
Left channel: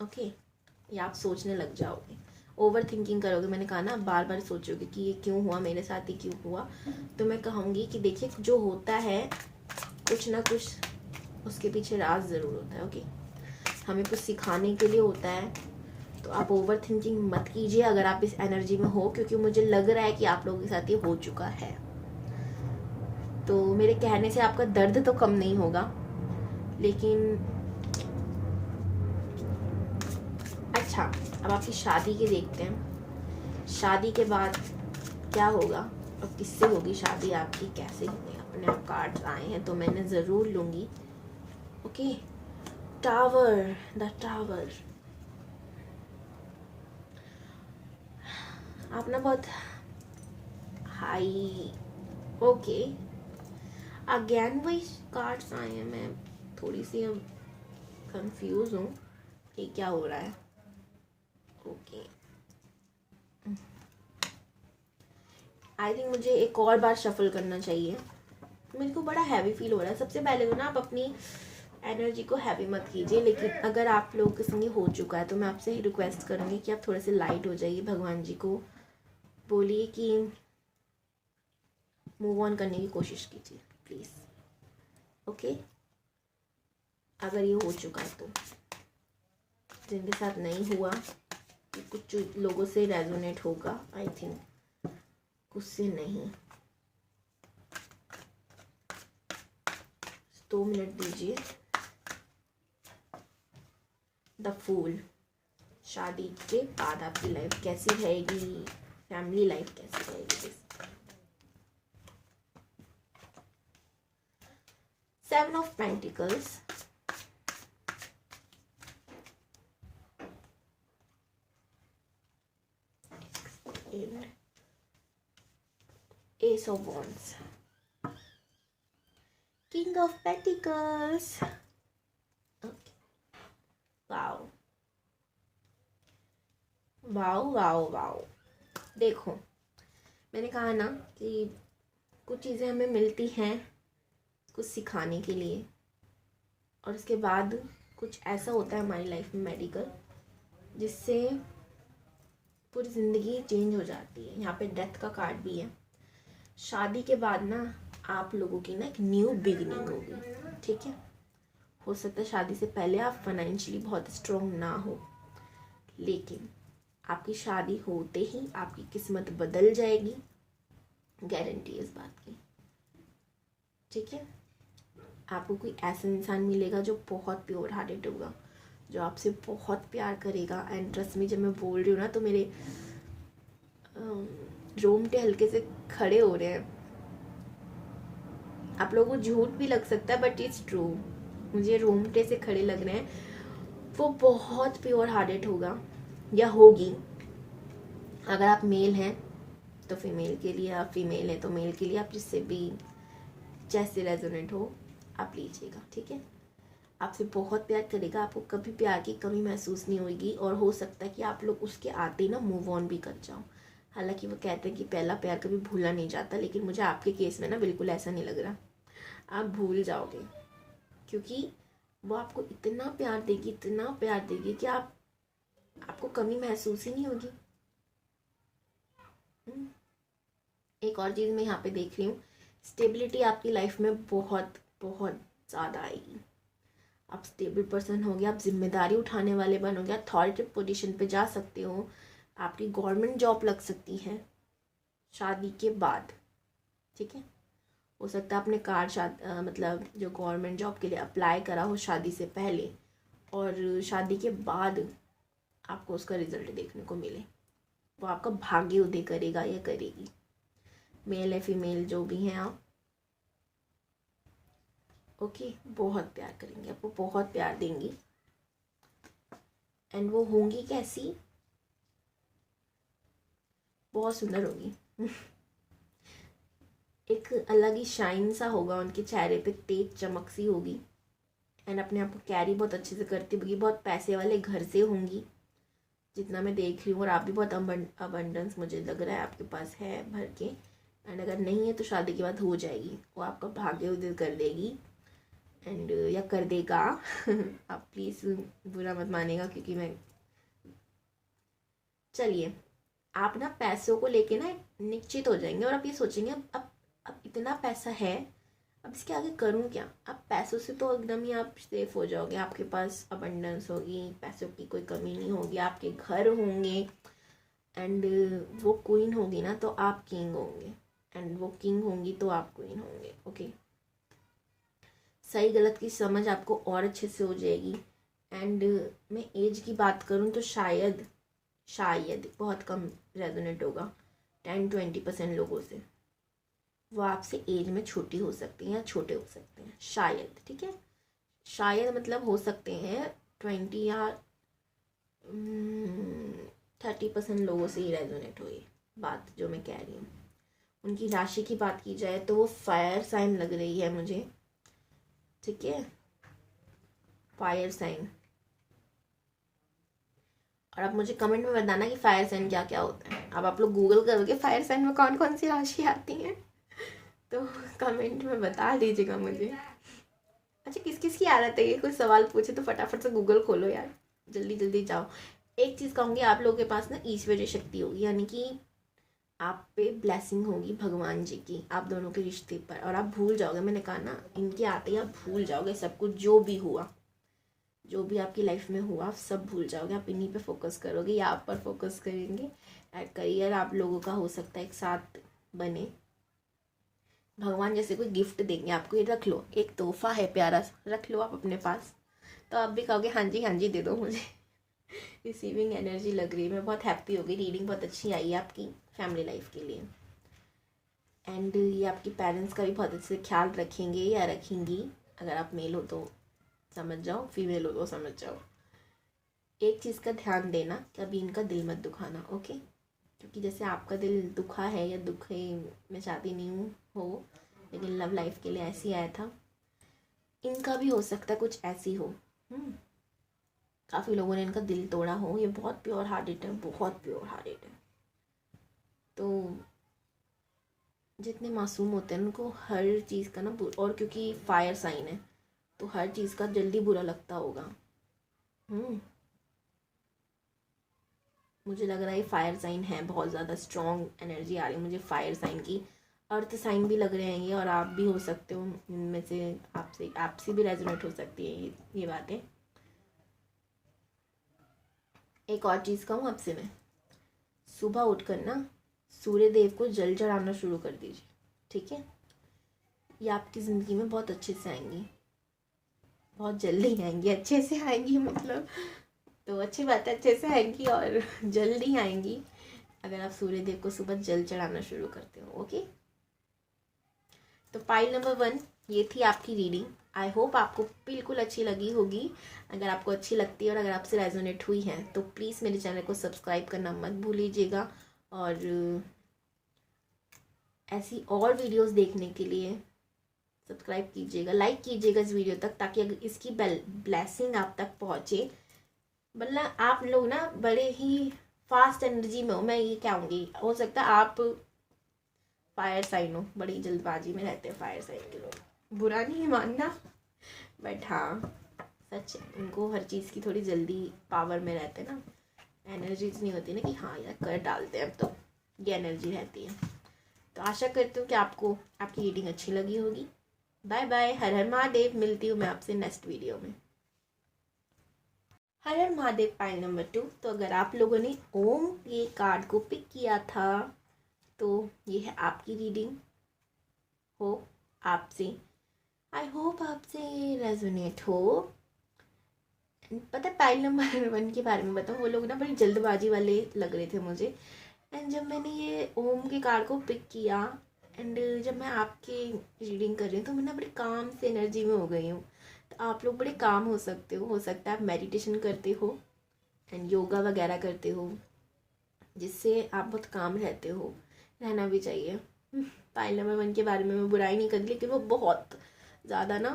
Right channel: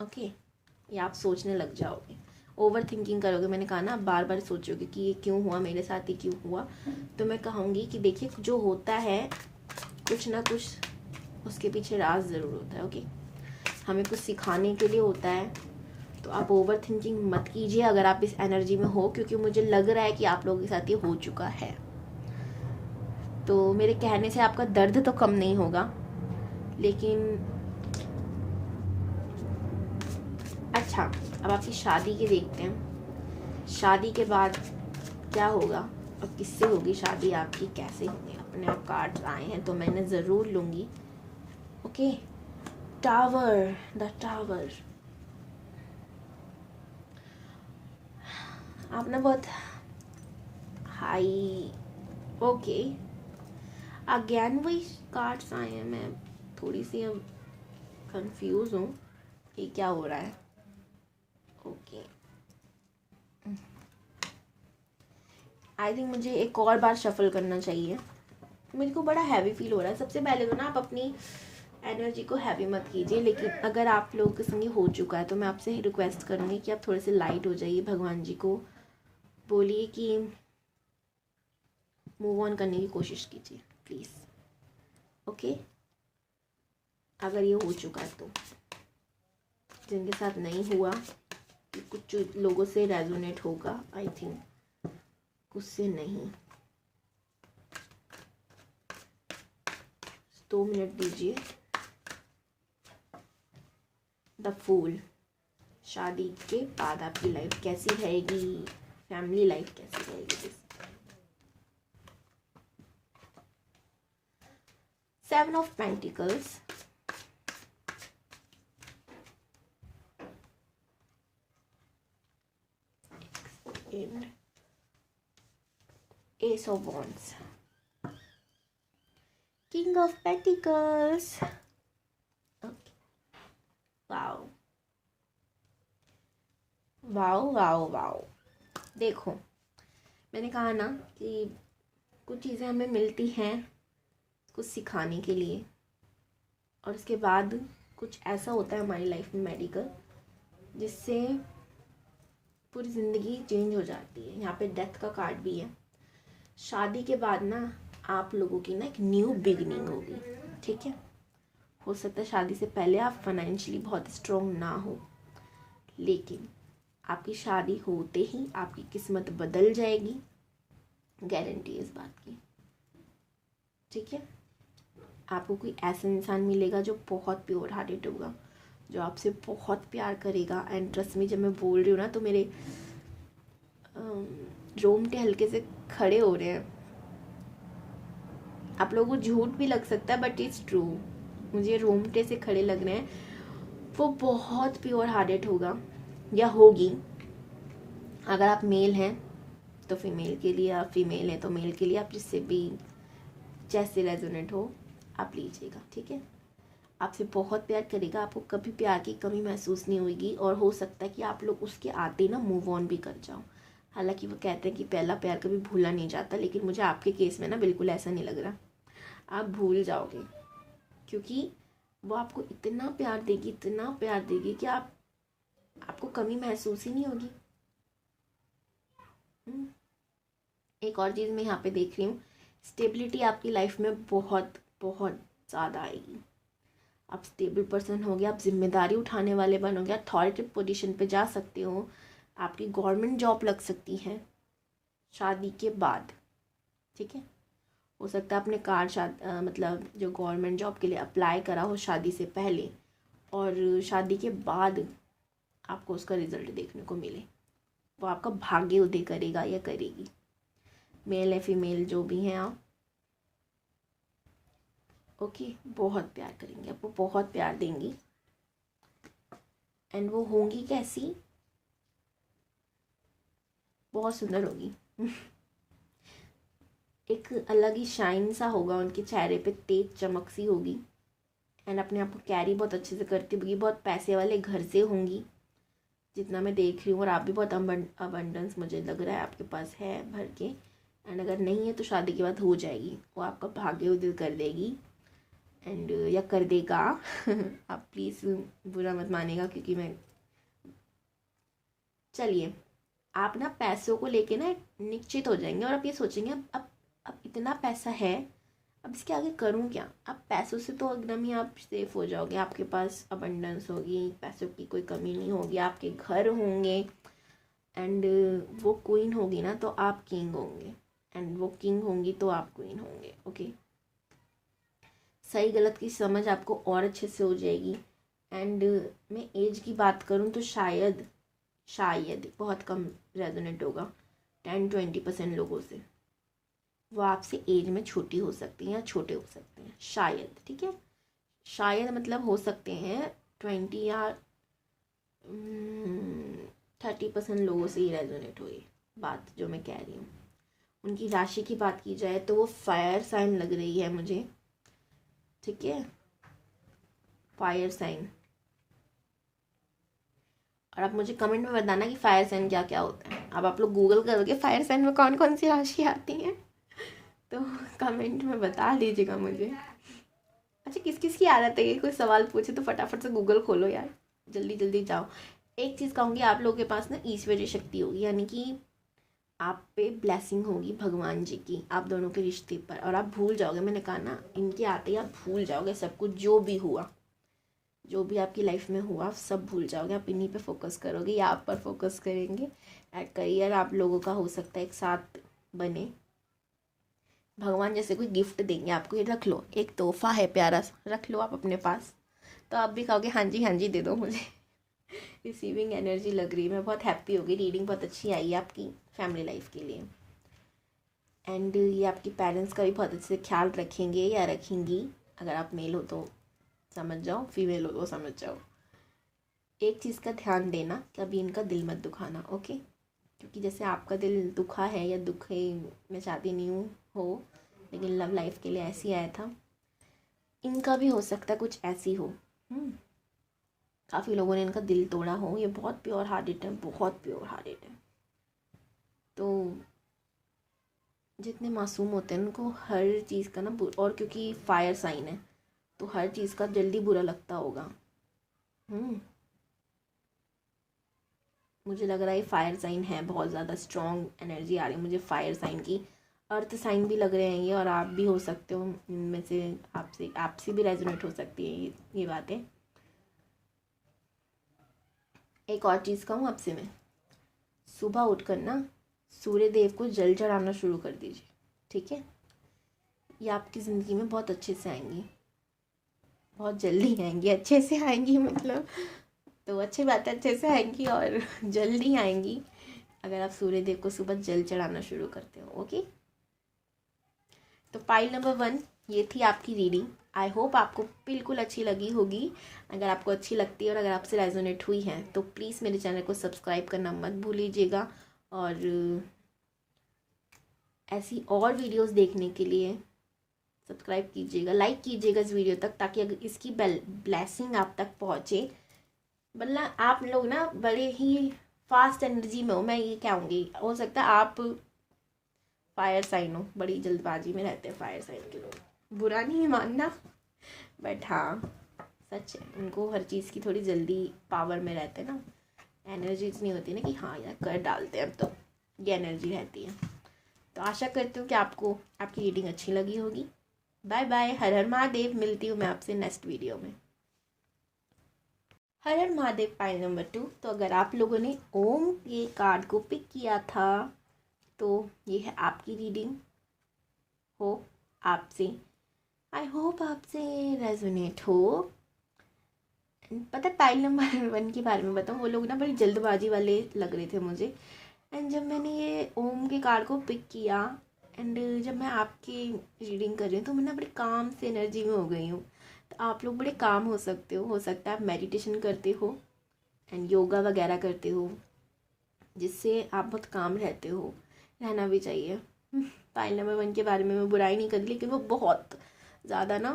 ओके, ये आप सोचने लग जाओगे, ओवर थिंकिंग करोगे। मैंने कहा ना, बार बार सोचोगे कि ये क्यों हुआ मेरे साथ, ही क्यों हुआ। तो मैं कहूँगी कि देखिए, जो होता है कुछ ना कुछ उसके पीछे राज ज़रूर होता है। ओके, हमें कुछ सिखाने के लिए होता है। तो आप ओवर थिंकिंग मत कीजिए अगर आप इस एनर्जी में हो, क्योंकि मुझे लग रहा है कि आप लोगों के साथ ये हो चुका है। तो मेरे कहने से आपका दर्द तो कम नहीं होगा, लेकिन अच्छा, अब आपकी शादी के देखते हैं। शादी के बाद क्या होगा और किससे होगी शादी आपकी, कैसे होगी। अपने आप कार्ड्स आए हैं तो मैंने ज़रूर लूँगी। Okay, tower, the tower. आपने बहुत हाई, ओके, अगेन वही कार्ड्स आए हैं। मैं थोड़ी सी अब कंफ्यूज हूँ कि क्या हो रहा है। ओके, आई थिंक मुझे एक और बार शफल करना चाहिए। मेरे को बड़ा हैवी फील हो रहा है। सबसे पहले तो ना आप अपनी एनर्जी को हैवी मत कीजिए, लेकिन अगर आप लोग के संग हो चुका है तो मैं आपसे ही रिक्वेस्ट करूँगी कि आप थोड़े से लाइट हो जाइए। भगवान जी को बोलिए कि मूव ऑन करने की कोशिश कीजिए प्लीज़। ओके, अगर ये हो चुका है तो, जिनके साथ नहीं हुआ, कुछ लोगों से रेजोनेट होगा आई थिंक, कुछ से नहीं। 2 मिनट दीजिए। द फूल, शादी के बाद आपकी लाइफ कैसी रहेगी, फैमिली लाइफ कैसी रहेगी। 7 of pentacles, Ace of Wands, King of Pentacles. Okay. Wow. Wow wow wow. देखो, मैंने कहा ना कि कुछ चीज़ें हमें मिलती हैं कुछ सिखाने के लिए, और उसके बाद कुछ ऐसा होता है हमारी लाइफ में मेडिकल, जिससे पूरी ज़िंदगी चेंज हो जाती है। यहाँ पे डेथ का कार्ड भी है। शादी के बाद ना आप लोगों की ना एक न्यू बिगिनिंग होगी, ठीक है। हो सकता है शादी से पहले आप फाइनेंशियली बहुत स्ट्रॉन्ग ना हो, लेकिन आपकी शादी होते ही आपकी किस्मत बदल जाएगी, गारंटी है इस बात की, ठीक है। आपको कोई ऐसा इंसान मिलेगा जो बहुत प्योर हार्टेड होगा, जो आपसे बहुत प्यार करेगा। एंड ट्रस्ट मी, जब मैं बोल रही हूँ ना तो मेरे रोंगटे हल्के से खड़े हो रहे हैं। आप लोगों को झूठ भी लग सकता है बट इट्स ट्रू, मुझे रोंगटे से खड़े लग रहे हैं। वो बहुत प्योर हार्टेड होगा या होगी। अगर आप मेल हैं तो फीमेल के लिए, आप फीमेल हैं तो मेल के लिए, आप जिससे भी जैसे रेजोनेट हो आप लीजिएगा, ठीक है। आपसे बहुत प्यार करेगा, आपको कभी प्यार की कमी महसूस नहीं होगी, और हो सकता है कि आप लोग उसके आते ना मूव ऑन भी कर जाओ। हालांकि वो कहते हैं कि पहला प्यार कभी भूला नहीं जाता, लेकिन मुझे आपके केस में ना बिल्कुल ऐसा नहीं लग रहा। आप भूल जाओगे, क्योंकि वो आपको इतना प्यार देगी, इतना प्यार देगी कि आपको कमी महसूस ही नहीं होगी। एक और चीज़ मैं यहाँ पे देख रही हूँ, स्टेबिलिटी आपकी लाइफ में बहुत बहुत ज़्यादा आएगी। आप स्टेबल पर्सन हो गए, आप जिम्मेदारी उठाने वाले बनोगे, अथॉरिटी पोजीशन पे जा सकते हो, आपकी गवर्नमेंट जॉब लग सकती है शादी के बाद। ठीक है, हो सकता है आपने मतलब जो गवर्नमेंट जॉब के लिए अप्लाई करा हो शादी से पहले, और शादी के बाद आपको उसका रिजल्ट देखने को मिले। वो आपका भाग्य उदय करेगा या करेगी, मेल या फीमेल जो भी हैं आप। ओके, बहुत प्यार करेंगे आपको, बहुत प्यार देंगी। एंड वो होंगी कैसी, बहुत सुंदर होगी। एक अलग ही शाइन सा होगा उनके चेहरे पे, तेज चमक सी होगी। एंड अपने आप को कैरी बहुत अच्छे से करती होगी, बहुत पैसे वाले घर से होंगी जितना मैं देख रही हूँ। और आप भी बहुत अबंडेंस मुझे लग रहा है आपके पास है भर के। एंड अगर नहीं है तो शादी के बाद हो जाएगी, वो आपका भाग्य उदय कर देगी। एंड या कर देगा। आप प्लीज़ बुरा मत मानेगा, क्योंकि मैं, चलिए, आप ना पैसों को लेके ना निश्चित हो जाएंगे और आप ये सोचेंगे अब इतना पैसा है, अब इसके आगे करूँ क्या। अब पैसों से तो एकदम ही आप सेफ हो जाओगे, आपके पास अबंडेंस होगी, पैसों की कोई कमी नहीं होगी, आपके घर होंगे। एंड वो क्वीन होगी ना तो आप किंग होंगे, एंड वो किंग होंगी तो आप क्वीन होंगे। ओके, सही गलत की समझ आपको और अच्छे से हो जाएगी। एंड मैं एज की बात करूँ तो शायद बहुत कम रेजोनेट होगा, 10-20% लोगों से। वो आपसे एज में छोटी हो सकती हैं या छोटे हो सकते हैं, शायद। ठीक है, शायद मतलब हो सकते हैं 20 या 30% लोगों से ही रेजोनेट हो ये बात जो मैं कह रही हूँ। उनकी राशि की बात की जाए तो वो फायर साइन लग रही है मुझे। ठीक है, फायर साइन। और आप मुझे कमेंट में बताना कि फायर साइन क्या क्या होता है। अब आप लोग गूगल करोगे फायर साइन में कौन कौन सी राशि आती हैं, तो कमेंट में बता दीजिएगा मुझे। अच्छा, किस किस की आदत है ये कोई सवाल पूछे तो फटाफट से गूगल खोलो यार, जल्दी जल्दी जाओ। एक चीज़ कहूँगी, आप लोगों के पास ना ईश्वरीय शक्ति होगी, यानी कि आप पे ब्लेसिंग होगी भगवान जी की आप दोनों के रिश्ते पर। और आप भूल जाओगे, मैंने कहा ना, इनके आते ही आप भूल जाओगे सब कुछ, जो भी हुआ, जो भी आपकी लाइफ में हुआ, आप सब भूल जाओगे। आप इन्हीं पे फोकस करोगे या आप पर फोकस करेंगे। करियर आप लोगों का हो सकता है एक साथ बने, भगवान जैसे कोई गिफ्ट देंगे आपको, ये रख लो, एक तोहफा है प्यारा सा, रख लो आप अपने पास, तो आप भी कहोगे हाँ जी दे दो मुझे। रिसीविंग एनर्जी लग रही है, मैं बहुत हैप्पी हो गई, रीडिंग बहुत अच्छी आई है आपकी फैमिली लाइफ के लिए। एंड ये आपके पेरेंट्स का भी बहुत अच्छे से ख्याल रखेंगे या रखेंगी। अगर आप मेल हो तो समझ जाओ, फीमेल हो तो समझ जाओ। एक चीज़ का ध्यान देना, कभी इनका दिल मत दुखाना। ओके, क्योंकि जैसे आपका दिल दुखा है या दुखे, मैं चाहती नहीं हूँ हो, लेकिन लव लाइफ के लिए ऐसे ही आया था, इनका भी हो सकता है कुछ ऐसी हो। काफ़ी लोगों ने इनका दिल तोड़ा हो, ये बहुत प्योर हार्टेड है, बहुत प्योर हार्टेड है। तो जितने मासूम होते हैं उनको हर चीज़ का ना, और क्योंकि फायर साइन है तो हर चीज़ का जल्दी बुरा लगता होगा। मुझे लग रहा है फायर साइन है, बहुत ज़्यादा स्ट्रॉन्ग एनर्जी आ रही है मुझे फायर साइन की। अर्थ साइन भी लग रहे हैं ये, और आप भी हो सकते हो इनमें से, आपसे भी रेजोनेट हो सकती है ये बातें। एक और चीज़ कहूँ आपसे मैं, सुबह उठकर ना सूर्य देव को जल चढ़ाना शुरू कर दीजिए। ठीक है, ये आपकी ज़िंदगी में बहुत अच्छे से आएंगी, बहुत जल्दी आएंगी, अच्छे से आएंगी, मतलब तो अच्छी बात है, अच्छे से आएंगी और जल्दी आएंगी अगर आप सूर्य देव को सुबह जल चढ़ाना शुरू करते हो। ओके, तो पाइल नंबर 1 ये थी आपकी रीडिंग। आई होप आपको बिल्कुल अच्छी लगी होगी। अगर आपको अच्छी लगती है और अगर आपसे रेजोनेट हुई है तो प्लीज़ मेरे चैनल को सब्सक्राइब करना मत भूलिएगा, और ऐसी और वीडियोस देखने के लिए सब्सक्राइब कीजिएगा, लाइक कीजिएगा इस वीडियो तक, ताकि अगर इसकी ब्लेसिंग आप तक पहुँचे। मतलब आप लोग ना बड़े ही फास्ट एनर्जी में हो, मैं ये कहूँगी। हो सकता है आप फायर साइन हो, बड़ी जल्दबाजी में रहते हैं फायर साइन के लोग, बुरा नहीं मानना, बट हाँ सच है, उनको हर चीज़ की थोड़ी जल्दी पावर में रहते हैं ना, एनर्जी इतनी होती है ना कि हाँ यार कर डालते हैं, अब तो ये एनर्जी रहती है। तो आशा करती हूँ कि आपको आपकी रीडिंग अच्छी लगी होगी। Bye bye, Har Har Mahadev. मिलती हूँ मैं आपसे नेक्स्ट वीडियो में। हर हर महादेव पाइल नंबर 2। तो अगर आप लोगों ने ओम ये कार्ड को पिक किया था तो ये है आपकी रीडिंग। आई होप आपसे रेजोनेट हो। पता है पाइल नंबर 1 के बारे में बताऊँ, वो लोग ना बड़ी जल्दबाजी वाले लग रहे थे मुझे। एंड जब मैंने ये ओम के कार्ड को पिक किया एंड जब मैं आपकी रीडिंग कर रही हूँ तो मैं ना बड़ी काम से एनर्जी में हो गई हूँ। तो आप लोग बड़े काम हो सकते हो सकता है आप मेडिटेशन करते हो एंड योगा वगैरह करते हो, जिससे आप बहुत काम रहते हो, रहना भी चाहिए। पाइल नंबर 1 के बारे में मैं बुराई नहीं कर रही, लेकिन वो बहुत ज़्यादा ना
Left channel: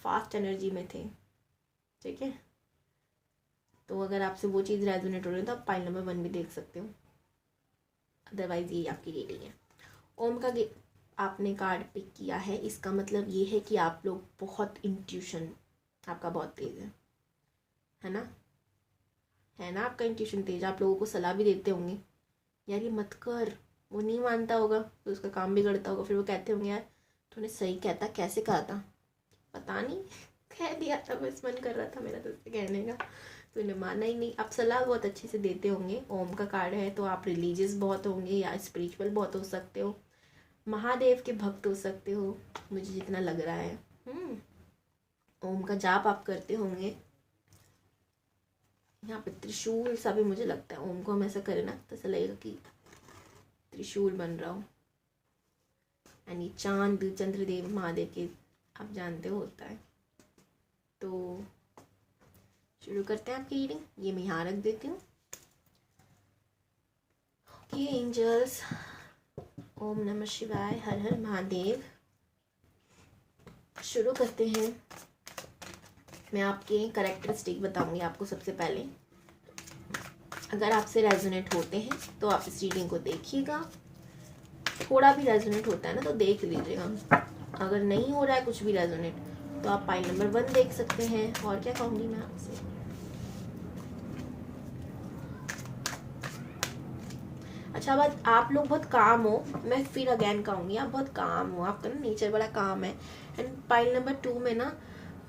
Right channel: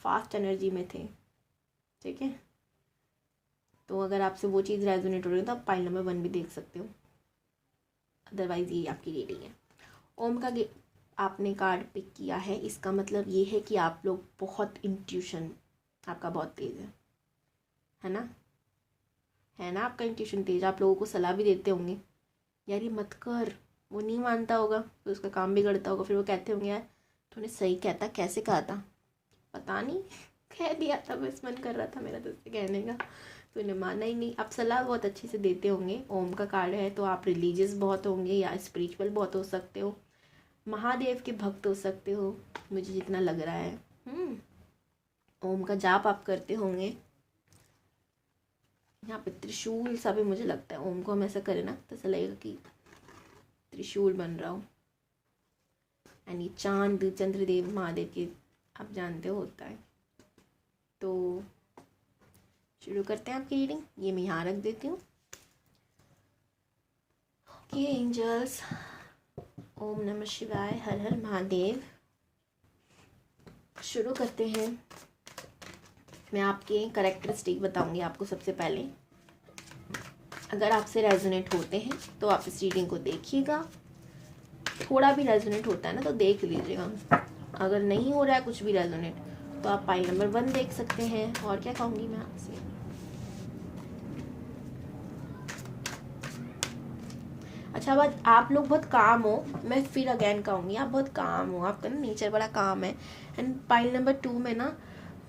फास्ट एनर्जी में थे। ठीक है, तो अगर आपसे वो चीज़ रेजोनेट हो रही है तो आप पाइल नंबर 1 भी देख सकते हो। अदरवाइज ये आपकी रीडिंग है। ओम का आपने कार्ड पिक किया है, इसका मतलब ये है कि आप लोग बहुत इंट्यूशन आपका बहुत तेज़ है ना? है ना, आपका इंट्यूशन तेज। आप लोगों को सलाह भी देते होंगे यार ये मत कर, वो नहीं मानता होगा तो उसका काम बिगड़ता होगा, फिर वो कहते होंगे यार तूने सही कहता, कैसे कहा था पता नहीं, कह दिया था, बस मन कर रहा था मेरा तो उससे कहने का, तूने माना ही नहीं। आप सलाह बहुत अच्छे से देते होंगे। ओम का कार्ड है तो आप रिलीजियस बहुत होंगे या स्पिरिचुअल बहुत हो सकते हो, महादेव के भक्त हो सकते हो, मुझे जितना लग रहा है। ओम का जाप आप करते होंगे। यहाँ पे त्रिशूल सा भी मुझे लगता है, ओम को हम ऐसा करें ना तो ऐसा लगेगा कि त्रिशूल बन रहा हो। यानी चांद चंद्रदेव महादेव के आप जानते हो होता है। तो शुरू करते हैं आपकी रीडिंग। ये मैं यहाँ रख देती हूँ। ओके एंजल्स, ओम नमः शिवाय, हर हर महादेव। शुरू करते हैं। मैं आपके कैरेक्टरिस्टिक बताऊंगी आपको सबसे पहले। अगर आपसे रेजोनेट होते हैं तो आप इस रीडिंग को देखिएगा, थोड़ा भी रेजोनेट होता है ना तो देख लीजिएगा। अगर नहीं हो रहा है कुछ भी रेजोनेट तो आप पाइल नंबर 1 देख सकते हैं। और क्या कहूँगी मैं आपसे, अच्छा बात, आप लोग बहुत काम हो, मैं फिर अगेन कहूँगी आप बहुत काम हो, आपका ना नेचर बड़ा काम है। एंड पाइल नंबर 2 में ना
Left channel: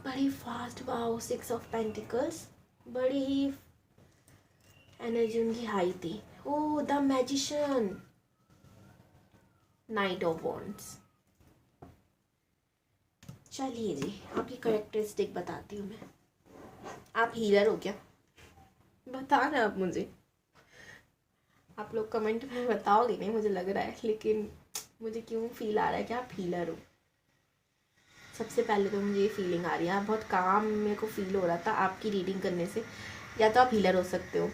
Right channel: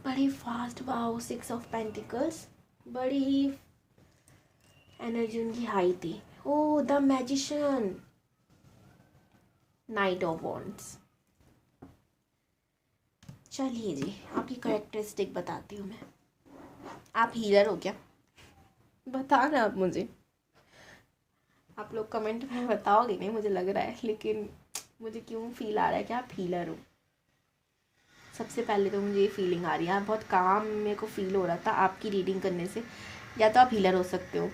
बड़ी फास्ट, वाओ 6 ऑफ पेंटिकल्स, बड़ी ही एनर्जी उनकी हाई थी। Oh the magician, knight of wands. चलिए जी, आपकी कैरेक्टरिस्टिक बताती हूँ मैं। आप हीलर हो क्या? बताना आप मुझे, आप लोग कमेंट में बताओगे नहीं मुझे लग रहा है, लेकिन मुझे क्यों फील आ रहा है कि आप हीलर हो। सबसे पहले तो मुझे ये फीलिंग आ रही है, आप बहुत काम मेरे को फील हो रहा था आपकी रीडिंग करने से। या तो आप हीलर हो सकते हो,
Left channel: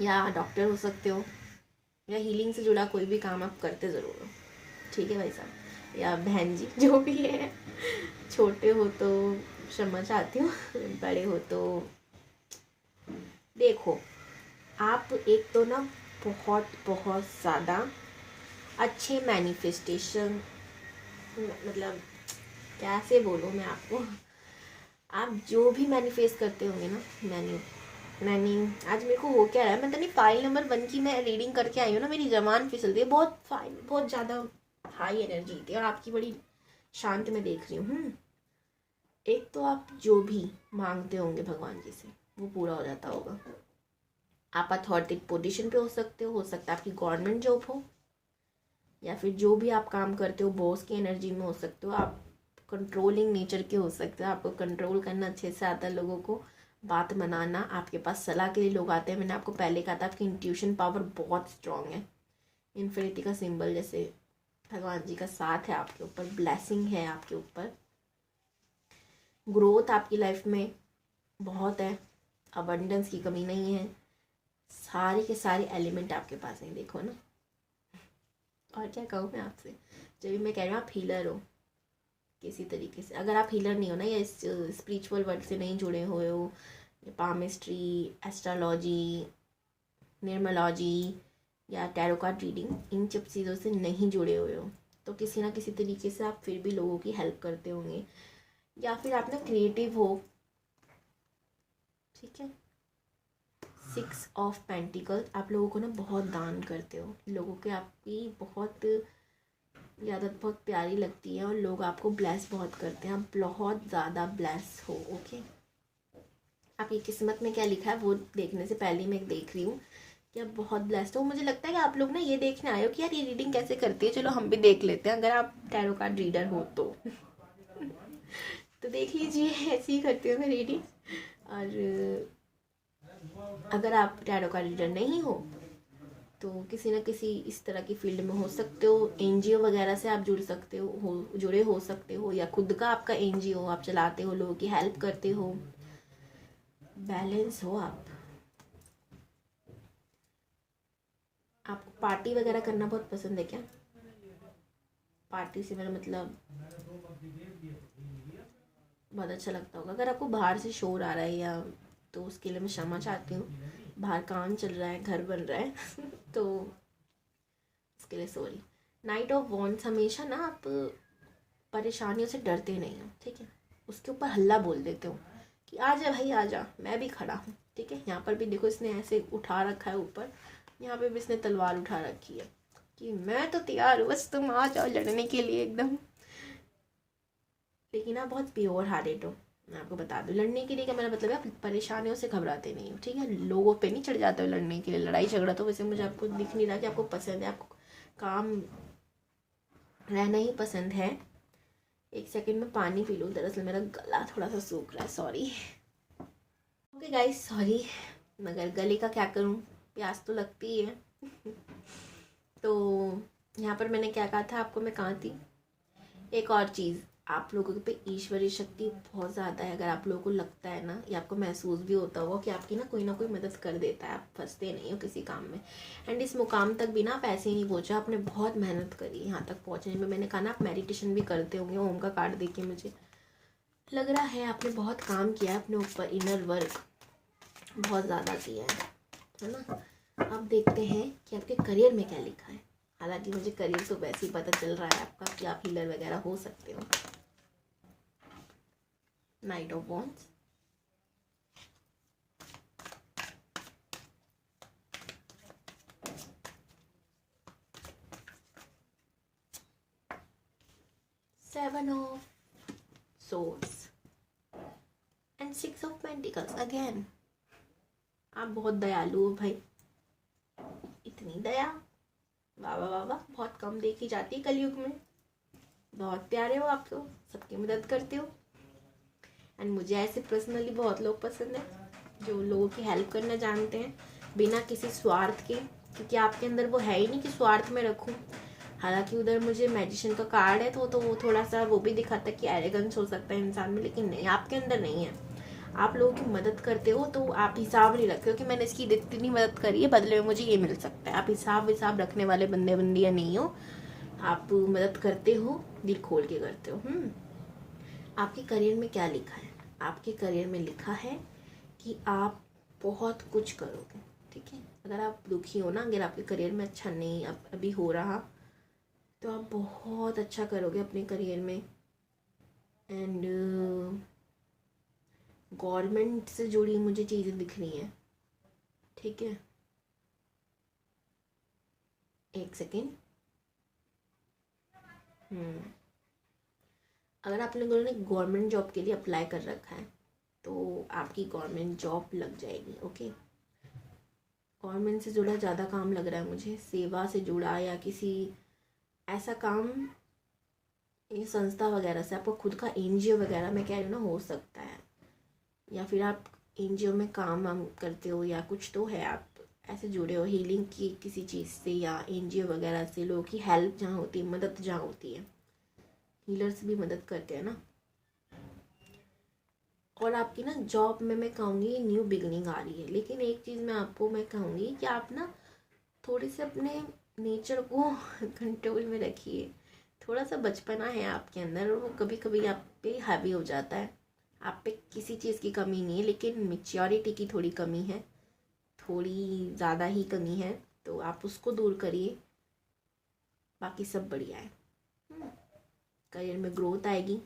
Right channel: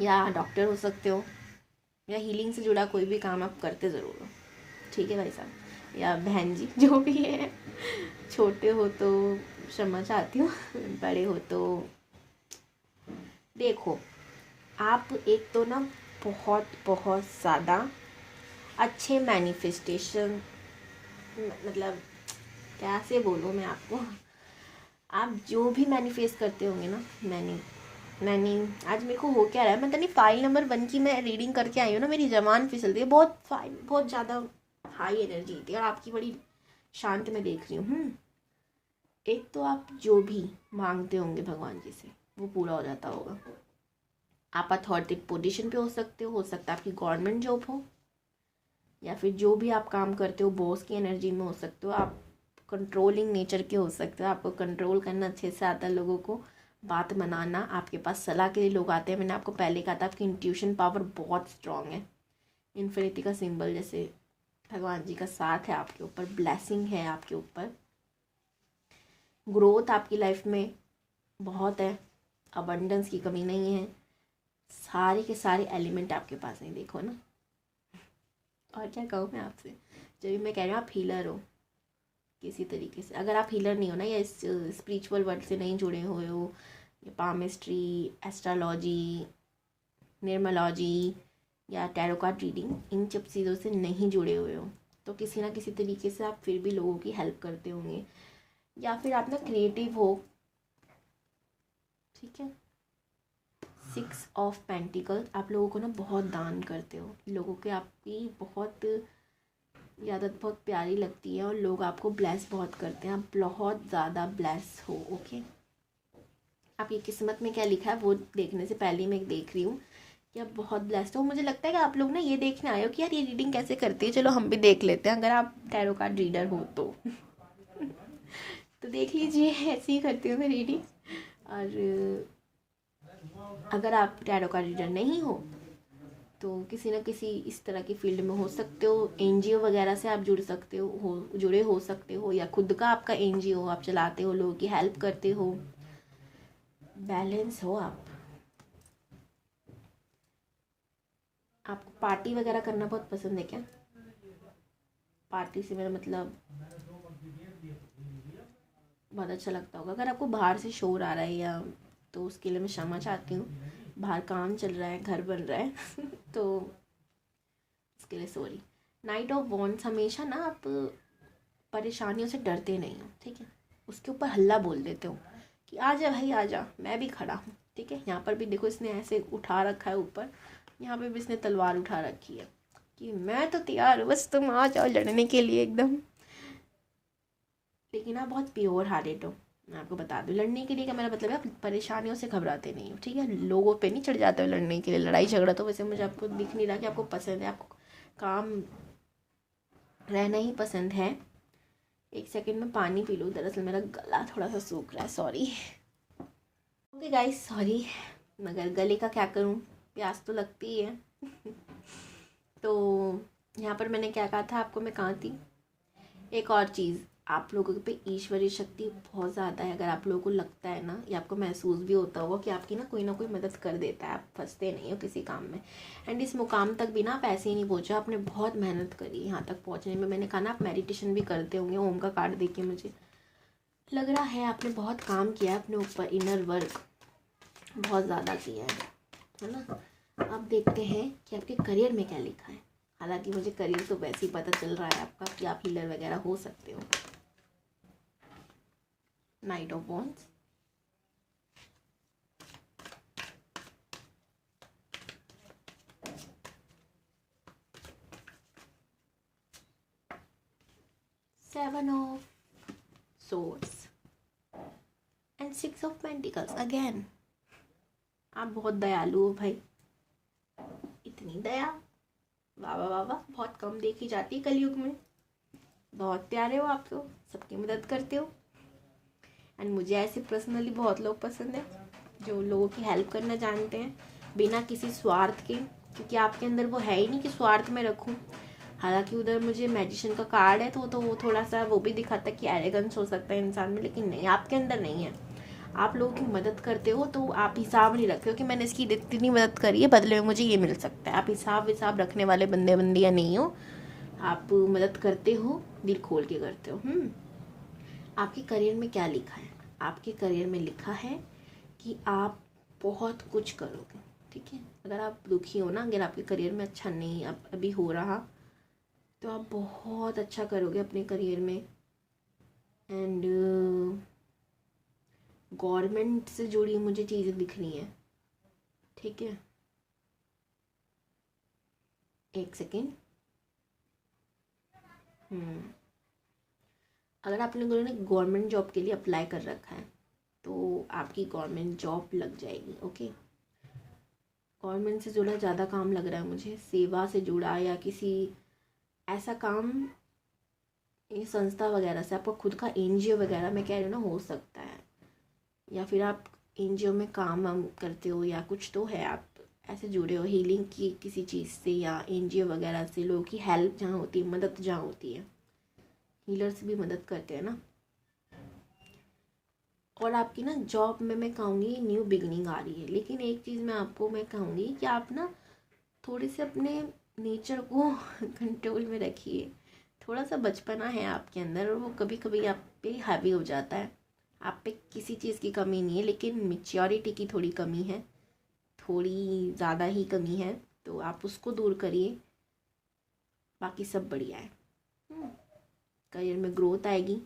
या डॉक्टर हो सकते हो, या हीलिंग से जुड़ा कोई भी काम आप करते ज़रूर हो। ठीक है भाई साहब या बहन जी, जो भी है। छोटे हो तो क्षमा चाहती हूँ, बड़े हो तो देखो, आप एक तो ना बहुत बहुत ज़्यादा अच्छे मैनिफेस्टेशन, मतलब कैसे बोलूँ मैं आपको, आप जो भी मैनिफेस्ट करते होंगे ना, मैंने आज मेरे को हो क्या रहा है, मतलब नहीं पाइल नंबर 1 की मैं रीडिंग करके आई हूँ ना, मेरी जबान फिसल रही है, बहुत ज़्यादा हाई एनर्जी थी और आपकी बड़ी शांत में देख रही हूँ। एक तो आप जो भी मांगते होंगे भगवान जी से वो पूरा हो जाता होगा। आप अथॉरिटी पोजीशन पे हो सकते हो सकता है आपकी गवर्नमेंट जॉब हो, या फिर जो भी आप काम करते हो बॉस की एनर्जी में हो सकते हो, आप कंट्रोलिंग नेचर के हो सकते हो, आपको कंट्रोल करना अच्छे से आता है, लोगों को बात मनाना, आपके पास सलाह के लिए लोग आते हैं। मैंने आपको पहले कहा था आपकी इंट्यूशन पावर बहुत स्ट्रांग है। इन्फिनिटी का सिंबल जैसे भगवान जी का साथ है आपके ऊपर, ब्लेसिंग है आपके ऊपर, ग्रोथ आपकी लाइफ में बहुत है, अबंडेंस की कमी नहीं है, सारे के सारे एलिमेंट आपके पास हैं, देखो ना। और क्या कहूँ मैं आपसे, जब मैं कह रही हूँ आप हीलर हो किसी तरीके से, अगर आप हीलर नहीं हो ना या इस स्पिरिचुअल वर्ल्ड से नहीं जुड़े हुए हो, पामिस्ट्री, एस्ट्रोलॉजी, न्यूमरोलॉजी या टैरो कार्ड रीडिंग, इन सब चीज़ों से नहीं जुड़े हुए हो तो किसी ना किसी तरीके से आप फिर भी लोगों की हेल्प करते होंगे, या फिर आप ना क्रिएटिव हो। ठीक है, 6 ऑफ पेंटिकल्स, आप लोगों को ना बहुत दान करते हो, लोगों के आपकी बहुत ये आदत बहुत प्यारी लगती है और लोग आपको ब्लेस बहुत करते हैं, आप बहुत ज़्यादा ब्लेस हो। ओके, आपकी किस्मत में क्या लिखा है वो देखने से पहले मैं देख रही हूँ कि आप बहुत ब्लेस्ड हो। मुझे लगता है कि आप लोग ना ये देखने आए हो कि यार ये रीडिंग कैसे करती है, चलो हम भी देख लेते हैं, अगर आप टैरो कार्ड रीडर हो तो तो देख लीजिए, ऐसे ही करती हूँ मैं रीडिंग। और अगर आप टैरो कार्ड रीडर नहीं हो तो किसी न किसी इस तरह की फील्ड में हो सकते हो, एनजीओ वगैरह से आप जुड़ सकते हो जुड़े हो सकते हो, या खुद का आपका एनजीओ आप चलाते हो, लोगों की हेल्प करते हो, बैलेंस हो आप। आपको पार्टी वगैरह करना बहुत पसंद है क्या? पार्टी से मेरा मतलब बहुत अच्छा लगता होगा। अगर आपको बाहर से शोर आ रहा है या तो उसके लिए मैं क्षमा चाहती हूँ, बाहर काम चल रहा है, घर बन रहा है तो इसके लिए सॉरी। नाइट ऑफ वॉन्ड्स, हमेशा ना आप परेशानियों से डरते नहीं हो, ठीक है, उसके ऊपर हल्ला बोल देते हो कि आ जा भाई आ जा, मैं भी खड़ा हूँ, ठीक है। यहाँ पर भी देखो इसने ऐसे उठा रखा है ऊपर, यहाँ पे भी इसने तलवार उठा रखी है कि मैं तो तैयार हूँ, बस तुम आ जाओ लड़ने के लिए एकदम। लेकिन आप बहुत प्योर हार्टेड हो, मैं आपको बता दूँ। लड़ने के लिए का मेरा मतलब है आप परेशानियों से घबराते नहीं हो, ठीक है, लोगों पे नहीं चढ़ जाते हो लड़ने के लिए, लड़ाई झगड़ा तो वैसे मुझे आपको दिख नहीं रहा कि आपको पसंद है, आपको काम रहना ही पसंद है। एक सेकंड में पानी पी लूँ, दरअसल मेरा गला थोड़ा सा सूख रहा है, सॉरी। ओके गाइस, सॉरी, मगर गले का क्या करूँ, प्यास तो लगती ही है तो यहाँ पर मैंने क्या कहा था आपको, मैं कहाँ थी। एक और चीज़, आप लोगों पे ईश्वरीय शक्ति बहुत ज़्यादा है। अगर आप लोगों को लगता है ना, या आपको महसूस भी होता होगा कि आपकी ना कोई मदद कर देता है, आप फंसते नहीं हो किसी काम में। एंड इस मुकाम तक भी ना आप ऐसे ही नहीं पहुँचे, आपने बहुत मेहनत करी यहाँ तक पहुँचने में। मैंने कहा ना आप मेडिटेशन भी करते होंगे, ओम का कार्ड देके मुझे लग रहा है आपने बहुत काम किया अपने ऊपर, इनर वर्क बहुत ज़्यादा किया है ना। अब देखते हैं कि आपके करियर में क्या लिखा है। हालांकि मुझे करियर तो वैसे ही पता चल रहा है आपका कि आप हीलर वगैरह हो सकते हो। Night of wands, seven of swords and 6 of pentacles again. आप बहुत दयालु हो भाई, इतनी दया, वाह वाह वाह वाह, बहुत कम देखी जाती है कलयुग में। बहुत प्यारे हो आप तो, सबकी मदद करते हो। एंड मुझे ऐसे पर्सनली बहुत लोग पसंद है जो लोगों की हेल्प करना जानते हैं बिना किसी स्वार्थ के, क्योंकि आपके अंदर वो है ही नहीं कि स्वार्थ में रखूं। हालांकि उधर मुझे मैजिशियन का कार्ड है तो वो थोड़ा सा वो भी दिखाता है कि एरोगेंस हो सकता है इंसान में, लेकिन नहीं, आपके अंदर नहीं है। आप लोगों की मदद करते हो तो आप हिसाब नहीं रखते हो कि मैंने इसकी इतनी मदद करी है, बदले में मुझे ये मिल सकता है। आप हिसाब रखने वाले बंदे बंदियाँ नहीं हो, आप मदद करते हो, दिल खोल के करते हो। आपके करियर में क्या लिखा है? आपके करियर में लिखा है कि आप बहुत कुछ करोगे, ठीक है। अगर आप दुखी हो ना, अगर आपके करियर में अच्छा नहीं अब अभी हो रहा, तो आप बहुत अच्छा करोगे अपने करियर में। एंड गवर्नमेंट से जुड़ी मुझे चीज़ें दिख रही हैं, ठीक है, एक सेकेंड। अगर आप लोगों ने गवर्नमेंट जॉब के लिए अप्लाई कर रखा है तो आपकी गवर्नमेंट जॉब लग जाएगी। ओके, गवर्नमेंट से जुड़ा ज़्यादा काम लग रहा है मुझे, सेवा से जुड़ा या किसी ऐसा काम, ये संस्था वगैरह से, आपका खुद का एनजीओ वगैरह में कह रही हूँ ना, हो सकता है। या फिर आप एनजीओ में काम वाम करते हो या कुछ तो है, आप ऐसे जुड़े हो हीलिंग की किसी चीज़ से या एनजीओ वगैरह से, लोगों की हेल्प जहाँ होती है, मदद जहाँ होती है, हीलर्स भी मदद करते हैं ना। और आपकी ना जॉब में मैं कहूँगी न्यू बिगनिंग आ रही है, लेकिन एक चीज़ मैं कहूँगी कि आप ना थोड़ी से अपने नेचर को कंट्रोल में रखिए। थोड़ा सा बचपना है आपके अंदर और वो कभी कभी आप पे हावी हो जाता है। आप पे किसी चीज़ की कमी नहीं है, लेकिन मेच्योरिटी की थोड़ी कमी है, थोड़ी ज़्यादा ही कमी है, तो आप उसको दूर करिए, बाकी सब बढ़िया है। करियर में ग्रोथ आएगी,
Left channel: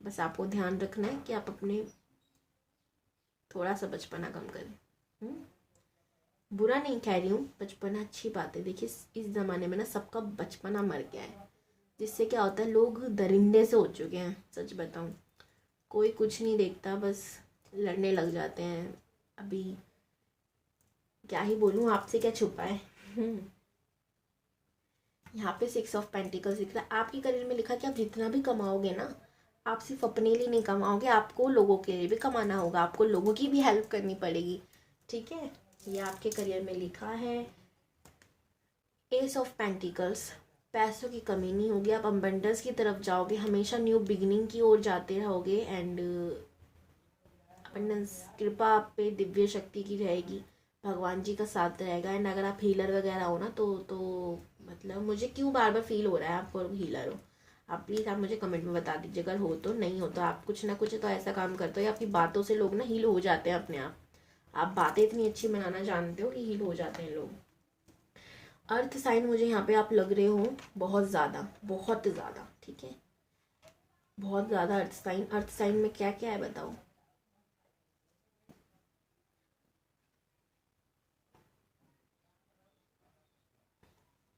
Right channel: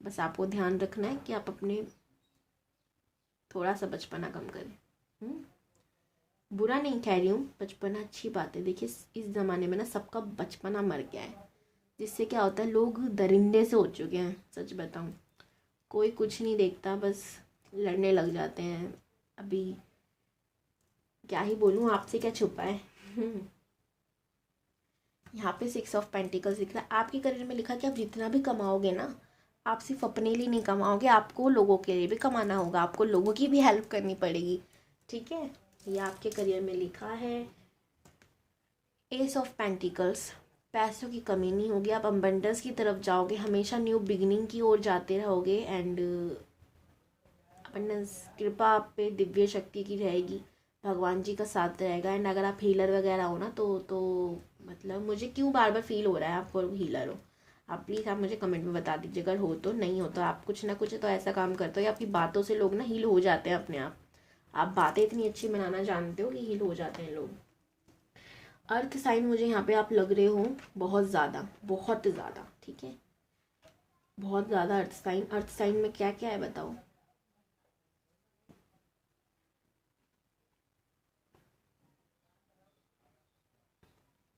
बस आपको ध्यान रखना है कि आप अपने थोड़ा सा बचपना कम करें। बुरा नहीं कह रही हूँ, बचपना अच्छी बात है। देखिए इस ज़माने में ना सबका बचपना मर गया है, जिससे क्या होता है लोग दरिंदे से हो चुके हैं। सच बताऊँ, कोई कुछ नहीं देखता, बस लड़ने लग जाते हैं। अभी क्या ही बोलूँ, आपसे क्या छुपा है। यहाँ पे 6 ऑफ पेंटिकल्स लिख रहा है। आपके करियर में लिखा कि आप जितना भी कमाओगे ना, आप सिर्फ अपने लिए नहीं कमाओगे, आपको लोगों के लिए भी कमाना होगा, आपको लोगों की भी हेल्प करनी पड़ेगी। ठीक है, ये आपके करियर में लिखा है। एस ऑफ पेंटिकल्स, पैसों की कमी नहीं होगी, आप अबंडेंस की तरफ जाओगे, हमेशा न्यू बिगिनिंग की ओर जाते रहोगे। एंड अबंडेंस, कृपा आप पे दिव्य शक्ति की रहेगी, भगवान जी का साथ रहेगा। एंड अगर आप हीलर वगैरह हो ना तो मतलब मुझे क्यों बार बार फील हो रहा है आपको हीलर हो। आप प्लीज़ आप मुझे कमेंट में बता दीजिए, अगर हो तो। नहीं हो तो आप कुछ ना कुछ तो ऐसा काम करते हो या आपकी बातों से लोग ना हील हो जाते हैं अपने आप बातें इतनी अच्छी बनाना जानते हो कि हील हो जाते हैं लोग। अर्थ साइन मुझे यहाँ पे आप लग रहे हो बहुत ज़्यादा, बहुत ज़्यादा। ठीक है, बहुत ज़्यादा अर्थ साइन। अर्थ साइन में क्या क्या है बताओ।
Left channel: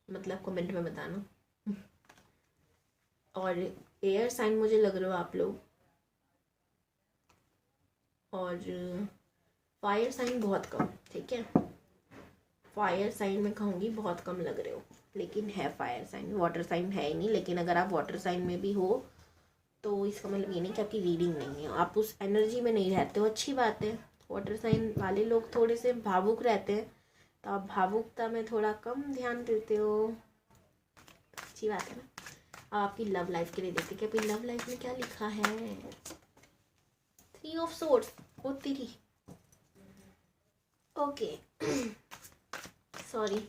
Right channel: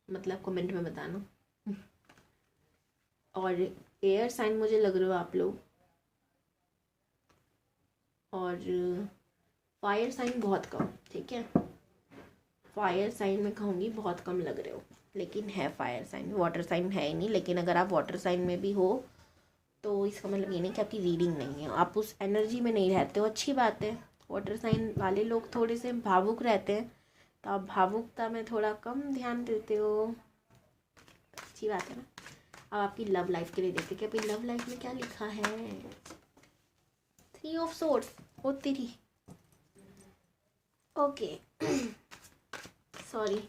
मतलब कमेंट में बताना। और एयर साइन मुझे लग रहे हो आप लोग, और फायर साइन बहुत कम। ठीक है, फायर साइन में कहूँगी बहुत कम लग रहे हो, लेकिन है फायर साइन। वाटर साइन है ही नहीं, लेकिन अगर आप वाटर साइन में भी हो तो इसका मतलब ये नहीं कि आपकी रीडिंग नहीं है, आप उस एनर्जी में नहीं रहते हो। अच्छी बात है, वाटर साइन वाले लोग थोड़े से भावुक रहते हैं, तो आप भावुकता में थोड़ा कम ध्यान देते हो। अच्छी बात है ना। अब आपकी लव लाइफ के लिए देखते कि आपकी लव लाइफ में क्या लिखा है। 3 ऑफ सोर्ड्स, ओ तेरी, okay. Sorry,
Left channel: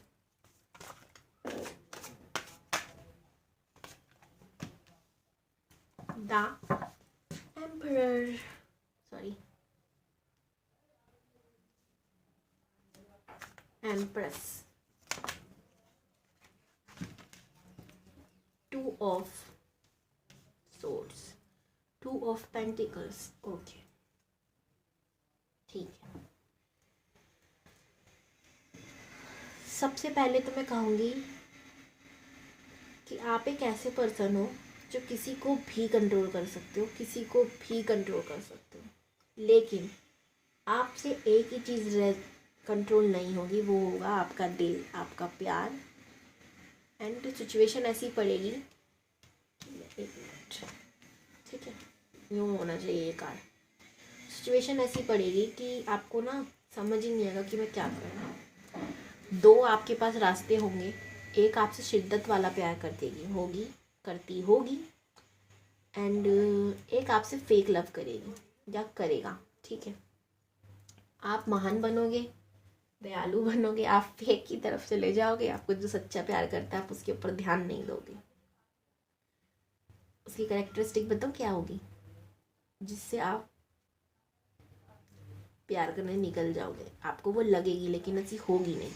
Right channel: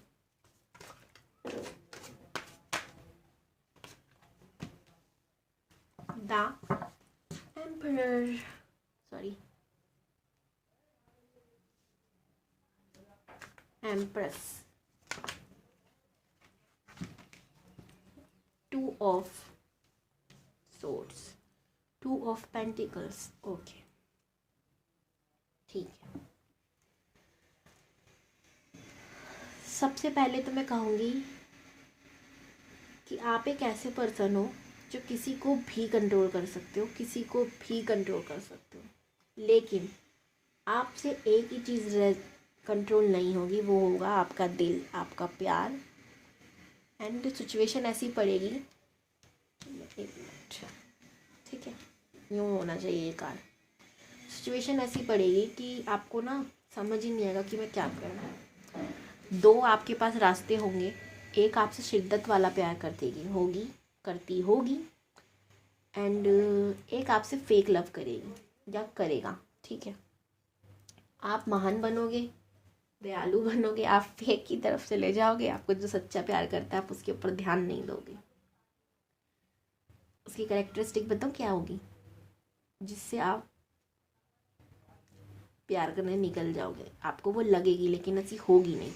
the emperor, sorry, empress, 2 of swords, 2 of pentacles. Okay, ठीक है। सबसे पहले तो मैं कहूँगी कि आप एक ऐसे पर्सन हो जो किसी को भी कंट्रोल कर सकते हो, किसी को भी कंट्रोल कर सकते हो, लेकिन आपसे एक ही चीज़ कंट्रोल नहीं होगी, वो होगा आपका दिल, आपका प्यार। एंड सिचुएशन ऐसी पड़ेगी, एक मिनट, ठीक है, यूँ होना चाहिए ये कार। सिचुएशन ऐसी पड़ेगी कि आपको ना समझ ही नहीं आएगा कि मैं क्या करूँ। दो आपके पास रास्ते होंगे, एक आपसे शिद्दत वाला प्यार करती होगी, एंड एक आपसे फेक लव करेगी या करेगा। ठीक है, आप महान बनोगे, दयालु बनोगे, आप फेक की तरफ से ले जाओगे, आपको जो सच्चा प्यार करता है आप उसके ऊपर ध्यान नहीं दोगे। उसकी कैरेक्टरिस्टिक बताओ क्या होगी, जिससे आप प्यार करने निकल जाओगे। आपको वो लगेगी लेकिन ऐसी होगी नहीं।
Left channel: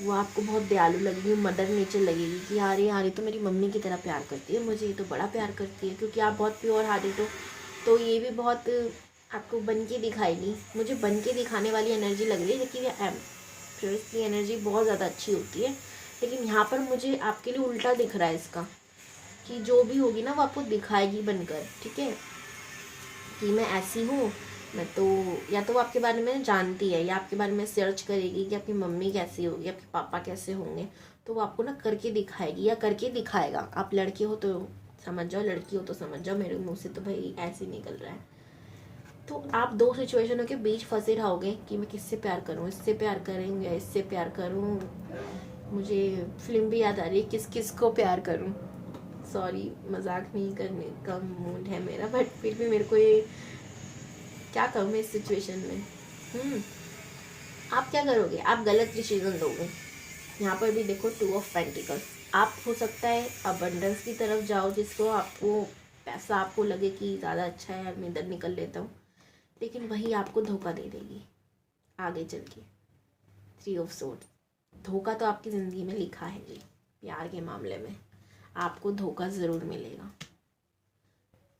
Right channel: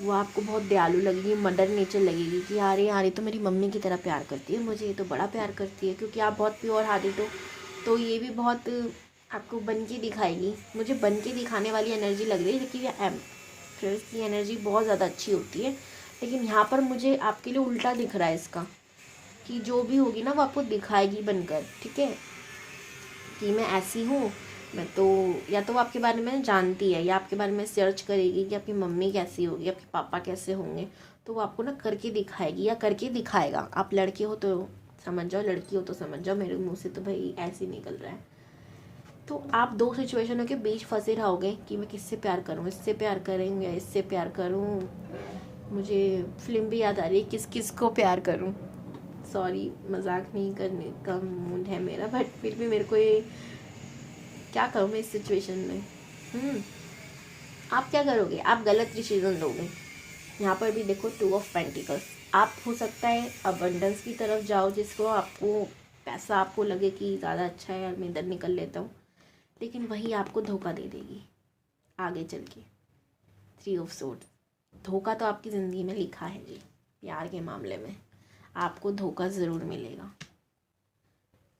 वो आपको बहुत दयालु लगेगी, मदर नेचर लगेगी कि यार ये तो मेरी मम्मी की तरह प्यार करती है, मुझे ये तो बड़ा प्यार करती है, क्योंकि आप बहुत प्योर हार्टेड हो। तो ये भी बहुत आपको बन के दिखाएगी। मुझे बन के दिखाने वाली एनर्जी लग रही है, क्योंकि ये एम्प्रेस की एनर्जी बहुत ज़्यादा अच्छी होती है। लेकिन यहाँ पर मुझे आपके लिए उल्टा दिख रहा है इसका, कि जो भी होगी ना वो आपको दिखाएगी बनकर। ठीक है, कि मैं ऐसी हूँ, मैं तो, या तो वो आपके बारे में जानती है या आपके बारे में सर्च करेगी कि आपकी मम्मी कैसी होगी, आपके पापा कैसे होंगे, तो वो आपको ना करके दिखाएगी या करके दिखाएगा। आप लड़के हो तो समझ जाओ, लड़की हो तो समझ जाओ, मेरे मुंह से तो भाई ऐसे ही निकल रहा है। तो आप दो सिचुएशनों के बीच फंसे रहोगे कि मैं किससे प्यार करूँ, इससे प्यार करूँ या इससे प्यार करूँ। मुझे फिल्म भी याद आ रही है, किस किस को प्यार करूँ। सॉरी, मजाक नहीं करने का मूड है मेरा, बट फिर भी मेरे को ये क्या कहूँ मैं इस सिचुएशन में। आप क्या करोगे, आप गलत डिसीजन लोगे। यहाँ पर भी देखो 2 ऑफ पेंटिकल्स। आप हो सकता है अबंडेंस की तरफ जाओ, जिसको आपको पैसा आपको लगे कि ज़्यादा अच्छा है यार मैं इधर निकल लेता हूँ, लेकिन वही आपको धोखा दे देगी आगे चल के। 3 ऑफ सोर्ड्स, धोखा तो आपकी ज़िंदगी में लिखा है जी। प्यार के मामले में आपको धोखा ज़रूर मिलेगा।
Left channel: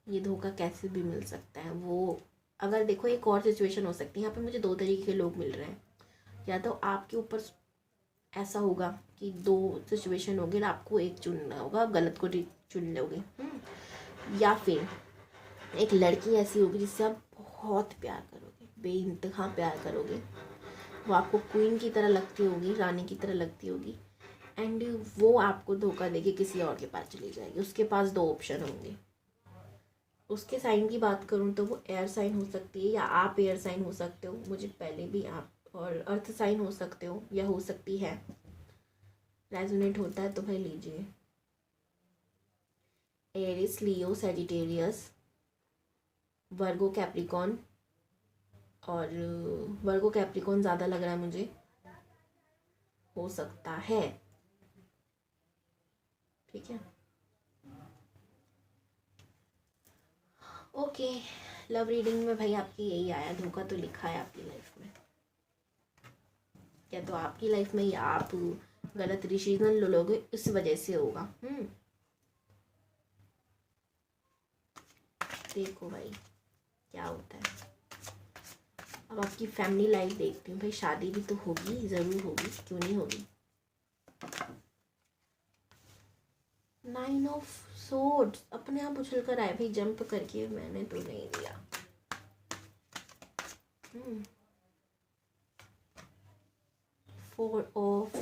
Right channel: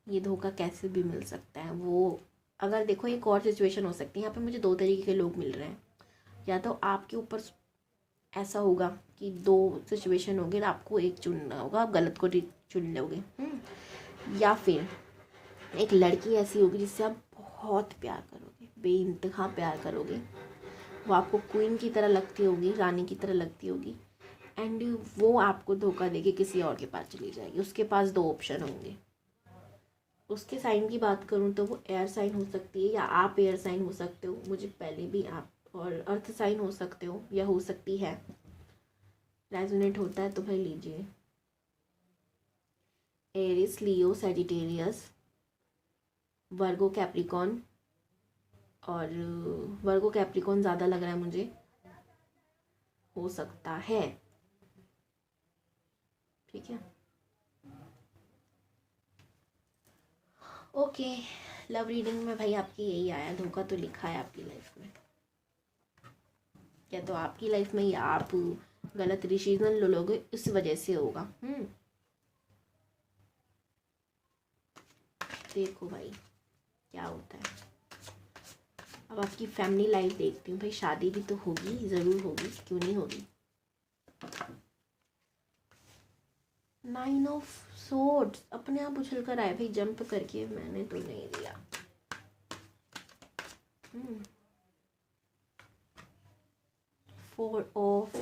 ये धोखा कैसे भी मिल सकता है वो, अगर देखो एक और सिचुएशन हो सकती है। यहाँ पे मुझे 2 तरीके के लोग मिल रहे हैं। या तो आपके ऊपर ऐसा होगा कि 2 सिचुएशन होगी, आपको एक चुनना होगा, आप गलत को चुन लोगे। या फिर एक लड़की ऐसी होगी जिससे आप बहुत प्यार करोगे, बेइंतहा प्यार करोगे, वो आपको क्वीन की तरह लगती होगी, रानी की तरह लगती होगी, एंड वो आपको धोखा देके किसी और के पास चली जाएगी। उसके पास 2 ऑप्शन होंगे। उसके साइन की बात करूँ तो वो एयर साइन हो सकती है, या आप एयर साइन हो सकते हो, मुझे पहले भी आप, और अर्थ साइन हो सकते हो, या हो सकती है। रेजोनेट होता है तो भाई लीजिए। एरिस, लियो, सैजिटेरियस, वर्गो, कैप्रिकॉन, और वर्गो कैप्रिकॉन ज़्यादा लग रहा है मुझे, हो सकता है। ठीक है, ओके। लव रीडिंग में भाई आपकी यही आया, धोखा तो लिखा है आपकी लाइफ में, या तो आपकी लाइफ में, या आप गलत डिसीजन ले लोगे, इस वजह से होगा। देखो भाई क्या होता है। अब आपकी फैमिली लाइफ देखती हूँ भाई, शादी भी तो होगी, ज़रूर होगी, क्यों नहीं होगी। 9 ऑफ सोर्ड्स अपने आप उछल कर आए भाई, जंप करके, मैंने तो नहीं दिया। 4 ऑफ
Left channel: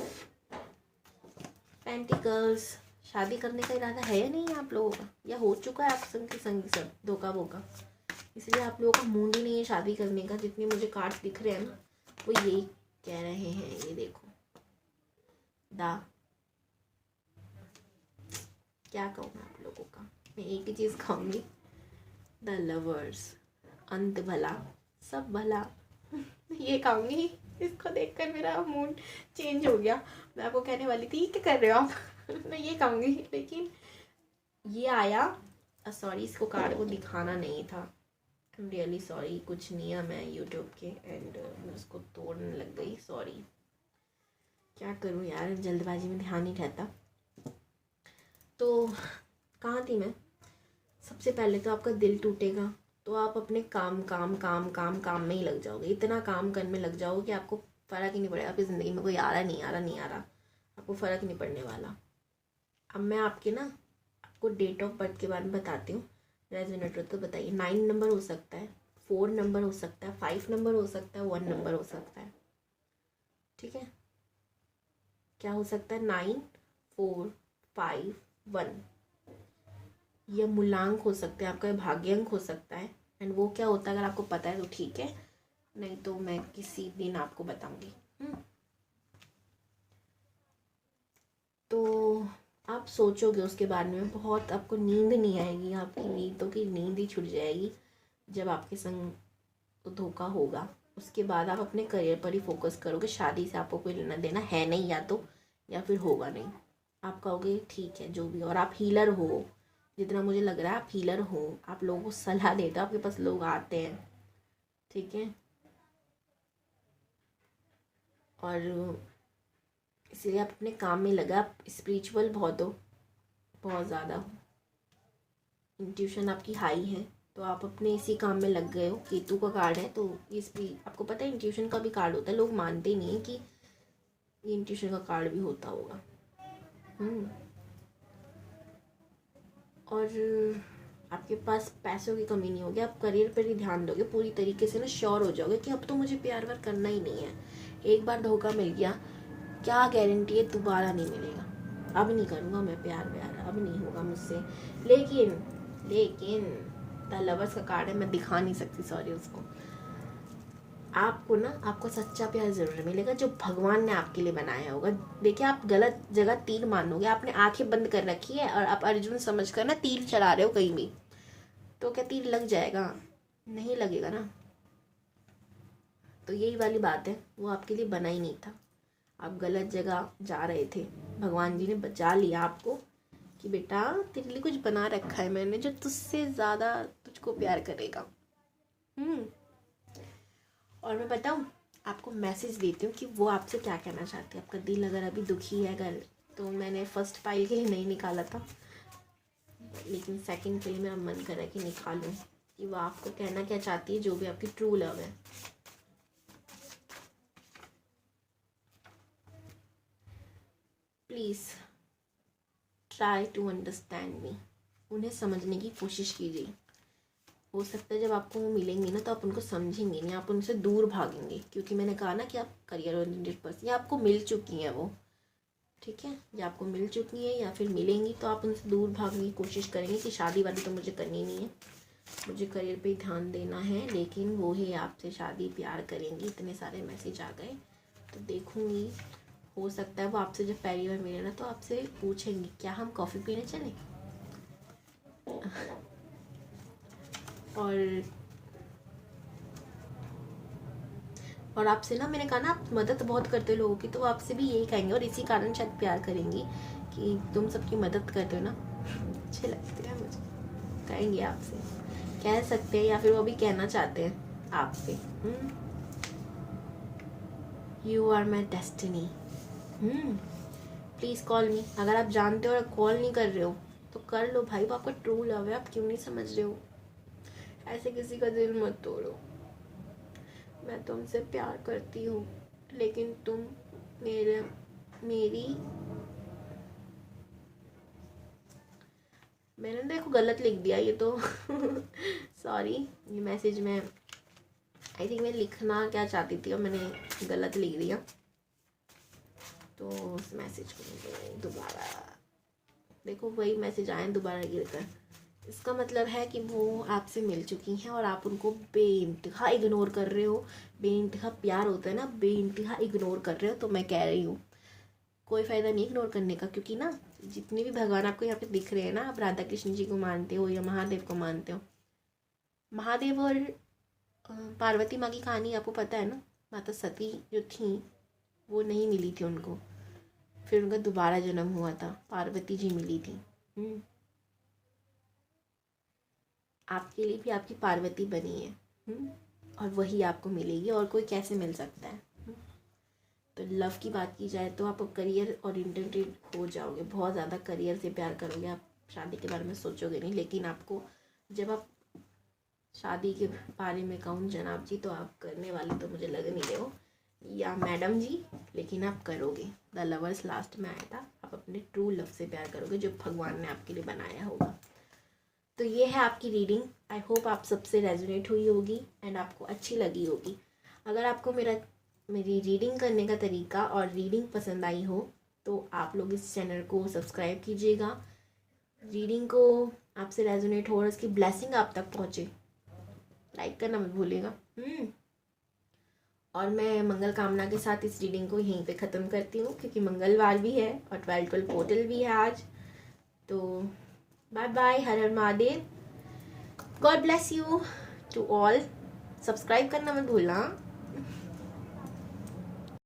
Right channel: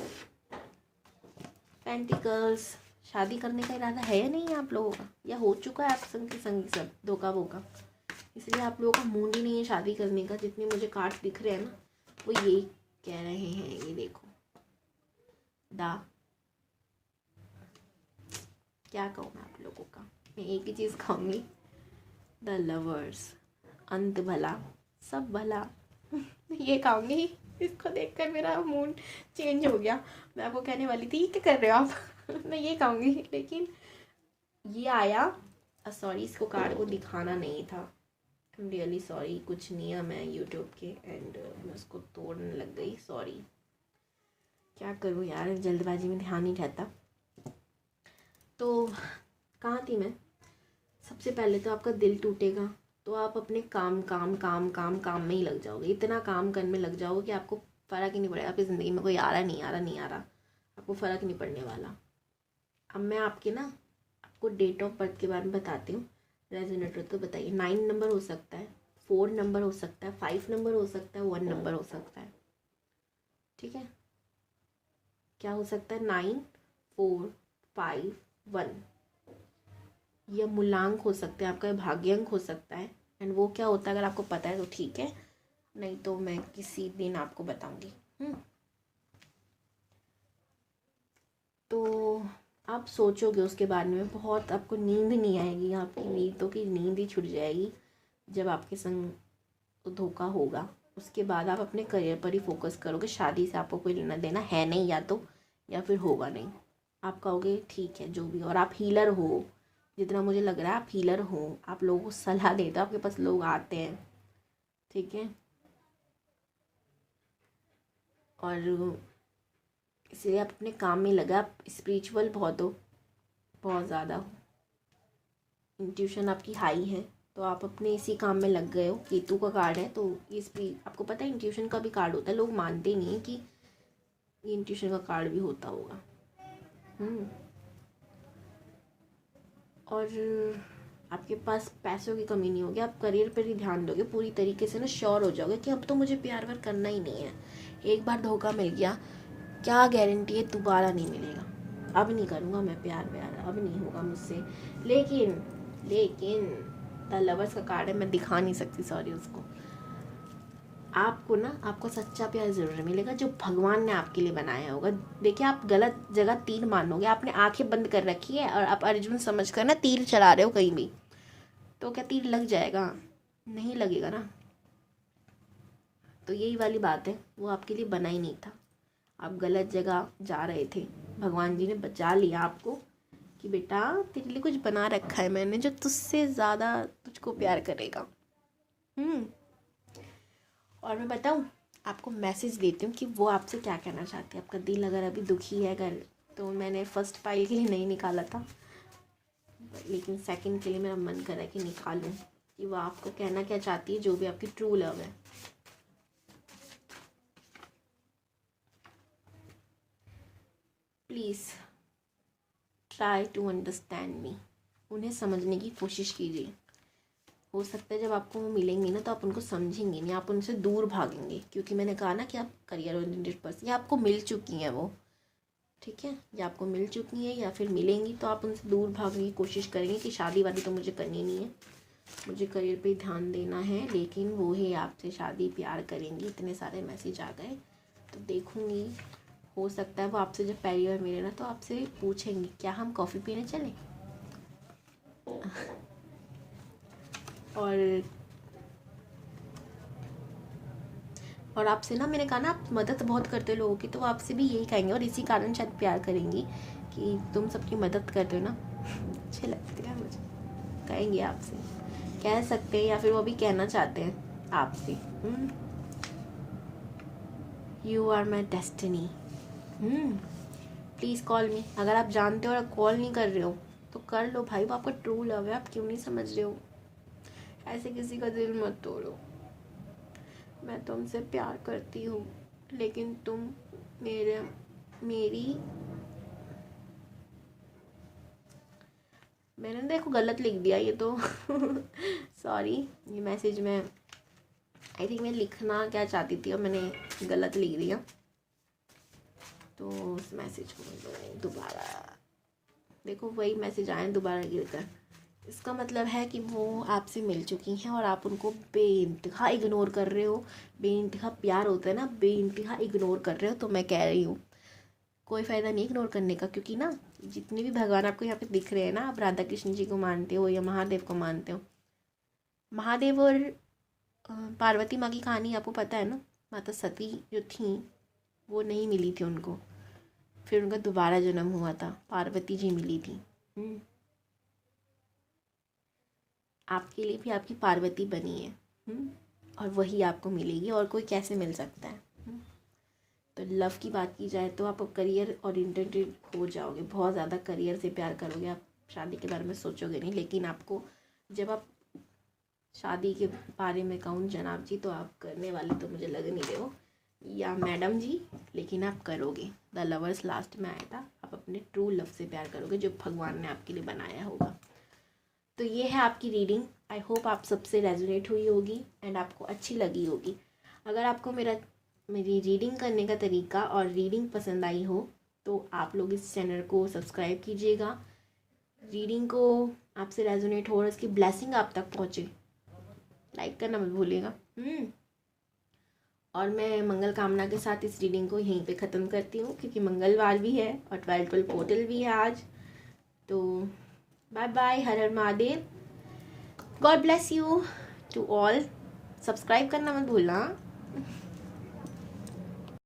पेंटिकल्स। शादी करने का इरादा है या नहीं आप लोगों का, या हो चुका है आप संग के संग सब धोखा वोखा, इसलिए आप लोगों का मूड ही नहीं है शादी करने का। जितने मुझे कार्ड्स दिख रहे हैं ना, वो यही कह रहे हैं। ये देखो, क्या कहूँ मैं आप लोगों का, मैं एक ही चीज़ कहूँगी, द लवर्स, अंत भला सब भला। ये कहूँगी, इसको देखकर मेरा मूड चेंज हो गया। मैं आपको कहने वाली थी क्या कर रहे हो आप मैं ये कहूँगी, लेकिन ये आया। सॉरी, इसको कार्ड को दिखाना नहीं था, आई एम रियली सॉरी। कुछ नहीं है, मैं यूट्यूब के एंड मैं उसको तोड़ने लग गई, सॉरी। क्या करूँ यार, जल्दबाजी में ध्यान नहीं रहता। तो कहाँ थी मैं। सबसे पहले तो आपका दिल टूटेगा, तो आप अपने काम काम काम काम काम में ही लग जाओगे, इतना काम करने में लग जाओगे कि आपको फ़र्क ही नहीं पड़ेगा आपकी ज़िंदगी में कोई आ रहा नहीं आ रहा नहीं आ रहा, आपको फ़र्क नहीं पड़ने वाला। अब मैं आपको डेट ऑफ बर्थ के बारे में बताती हूँ, रेजोनेटर तो बताइए। 9 नंबर हो सकता है, 4 नंबर हो सकता है, 5 नंबर हो सकता है, 1 नंबर हो सकता है। ठीक है, क्या हो सकता है, 9, 4, 5, 1। यह मूलांक हो सकते हैं, आपका भाग्यांक हो सकता है। एंड वो क्या होता है, अगर आपको पता है तो ठीक है, नहीं तो मैं किसी दिन आपको बताऊंगी। तो आप सोचोगे उसके बारे में बहुत, आपको नींद नहीं आएगी, आपकी नींदों की नींद ही छूट जाएगी जब आपके संग धोखा होगा। उसके बाद आप अपने करियर पर ही फोकस करोगे, शादी से आपको कोई लेना देना है नहीं, या फिर होगा नहीं। आप कहोगे ठीक है जो भी, और आप हीलर हो, जितना मुझे लग रहा है आप हीलर हो, आप लोगों को सलाह देते हो, आपके पास लोग आते हैं। ठीक है, और इसलिए आप अपने काम में लगा, आप स्पिरिचुअल बहुत हो, बहुत ज़्यादा इंट्यूशन आपकी हाई है, तो आप अपने इसी काम में लग गए हो। केतु का कार्ड है, तो ये आपको पता है इंट्यूशन का भी कार्ड होता है, लोग मानते नहीं है कि ये इंट्यूशन का कार्ड भी होता होगा। और आपके पास पैसों की कमी नहीं होगी, आप करियर पर ही ध्यान दोगे पूरी तरीके से ना, श्योर हो जाओगे कि अब तो मुझे प्यार व्यार करना ही नहीं है। एक बार धोखा मिल गया, क्या गारंटी है दोबारा नहीं मिलेगा, अब नहीं करूँगा मैं प्यार व्यार, अब नहीं होगा मुझसे। लेकिन द लवर्स का कार्ड है, मैं दिखा नहीं सकती, सॉरी उसको। आपको सच्चा प्यार ज़रूर मिलेगा, जो भगवान ने आपके लिए बनाया होगा। देखिए, आप गलत जगह तीर मानोगे, आपने आंखें बंद कर रखी है और आप अर्जुन समझ कर ना तीर चला रहे हो कहीं भी, तो क्या तीर लग जाएगा? नहीं लगेगा ना। तो यही वाली बात है, वो आपके लिए बना ही नहीं था, आप गलत जगह जा रहे थे, भगवान जी ने बचा लिया आपको कि बेटा तेरे लिए कुछ बना रखा है मैंने, जो तुझसे ज़्यादा तुझको प्यार करेगा। और मैं बताऊँ आपको, मैसेज देती हूँ कि वो आपसे क्या कहना चाहती है। आपका दिल अगर अभी दुखी है, अगर, तो मैंने फर्स्ट फाइल के लिए नहीं निकाला था, लेकिन सेकंड के लिए मेरा मन कर रहा है कि निकालूं कि वो आपको कहना क्या चाहती है, जो भी आपकी ट्रू लव है। Please try to understand me. उन्हें समझने की कोशिश कीजिए। हो सकता है जब आपको वो मिलेंगी ना तो आप उनको समझेंगे नहीं, आप उनसे दूर भागेंगे, क्योंकि मैंने कहा ना कि आप करियर ओरिएंटेड पर्सन, या आपको मिल चुकी हैं वो, ठीक है, या आपको मिल चुकी है या फिर मिलेंगी, तो आप उनसे दूर भागने की कोशिश करेंगे कि शादी वादी तो मुझे करनी नहीं है, मुझे करियर पे ध्यान देना है। लेकिन वो ही आपसे शादी प्यार करेंगी। इतने सारे मैसेज आ गए तो देखूंगी। हो सकता है वो आपसे जब पहली बार मिले ना तो आपसे पूछेंगे क्या हम कॉफ़ी पीने चलें। और आपसे ना, मैंने कहा ना आप मदद बहुत करते हो लोगों की, तो वो आपसे भी यही कहेंगे और इसी कारण शायद प्यार करेंगी कि तुम सबकी मदद करते हो ना, अच्छे लगते हैं मुझे, कहेंगे आपसे, कह सकते हैं, या फिर वो भी कहना चाहते हैं आपसे। You are my destiny. Please call me. अगर आप जानते हो और कॉल नहीं कर रहे हो तो कर लो भाई, वो आपका ट्रू लव है, आप क्यों नहीं समझ रहे हो। ऐसे किसी का दिल मत तोड़ो। मैं तुमसे प्यार करती हूँ, लेकिन तुम मेरी मैंने देखो गलत लिख दिया ये तो सॉरी। ये मैसेज में आई थिंक मैं लिखना क्या चाहती थी और मैंने गलत लिख दिया, तो उस मैसेज को दोबारा देखो, वही मैसेज आए दोबारा गिरकर। इसका मतलब है कि वो आपसे मिल चुकी हैं और आप उनको बेइंतहा इग्नोर कर रहे हो। बेइंतहा प्यार होता है ना, बेइंतहा इग्नोर कर रहे हो। तो मैं कह रही हूँ कोई फ़ायदा नहीं इग्नोर करने का, क्योंकि ना जितने भी भगवान आपको यहाँ पे दिख रहे हैं ना, आप राधा कृष्ण जी को मानते हो या महादेव को मानते हो, महादेव और पार्वती माँ की कहानी आपको पता है ना। माता सती जो थी वो नहीं मिली थी उनको, फिर उनका दोबारा जन्म हुआ था, पार्वती जी मिली थी। आपके लिए भी आपकी पार्वती बनी है, और वही आपको मिलेगी, और कोई कैसे मिल सकता है। तो लव की बात की जाए तो आप करियर ओरिएंटेड हो जाओगे, बहुत ज़्यादा करियर से प्यार करोगे, आप शादी के बारे में सोचोगे नहीं। लेकिन आपको जब आप शादी के बारे में कहूँ जनाब जी, तो आप करने वाले तो मुझे लग नहीं रहे हो, या मैडम जी, लेकिन आप करोगे। द लवर्स लास्ट में आया था, आप अपने ट्रू लव से प्यार करोगे जो भगवान ने आपके लिए बनाया होगा। तो ये है आपकी रीडिंग। आई होप आप सबसे रेजोनेट हुई होगी एंड आपको अच्छी लगी होगी। अगर आपको मेरी रीडिंग करने का तरीका और रीडिंग पसंद आई हो तो आप लोग इस चैनल को सब्सक्राइब कीजिएगा। रीडिंग को आपसे रेजोनेट हो और उसकी ब्लेसिंग आप तक पहुँचे, लाइक करना मत भूलिएगा। और मैं मंगल कामना के साथ इस रीडिंग को यहीं पे ख़त्म करती हूँ, क्योंकि मंगलवार भी है और 12 पोर्टल भी है आज। तो bye bye, Har Har Mahadev, God bless you to all. Subscribe करना मत भूलना।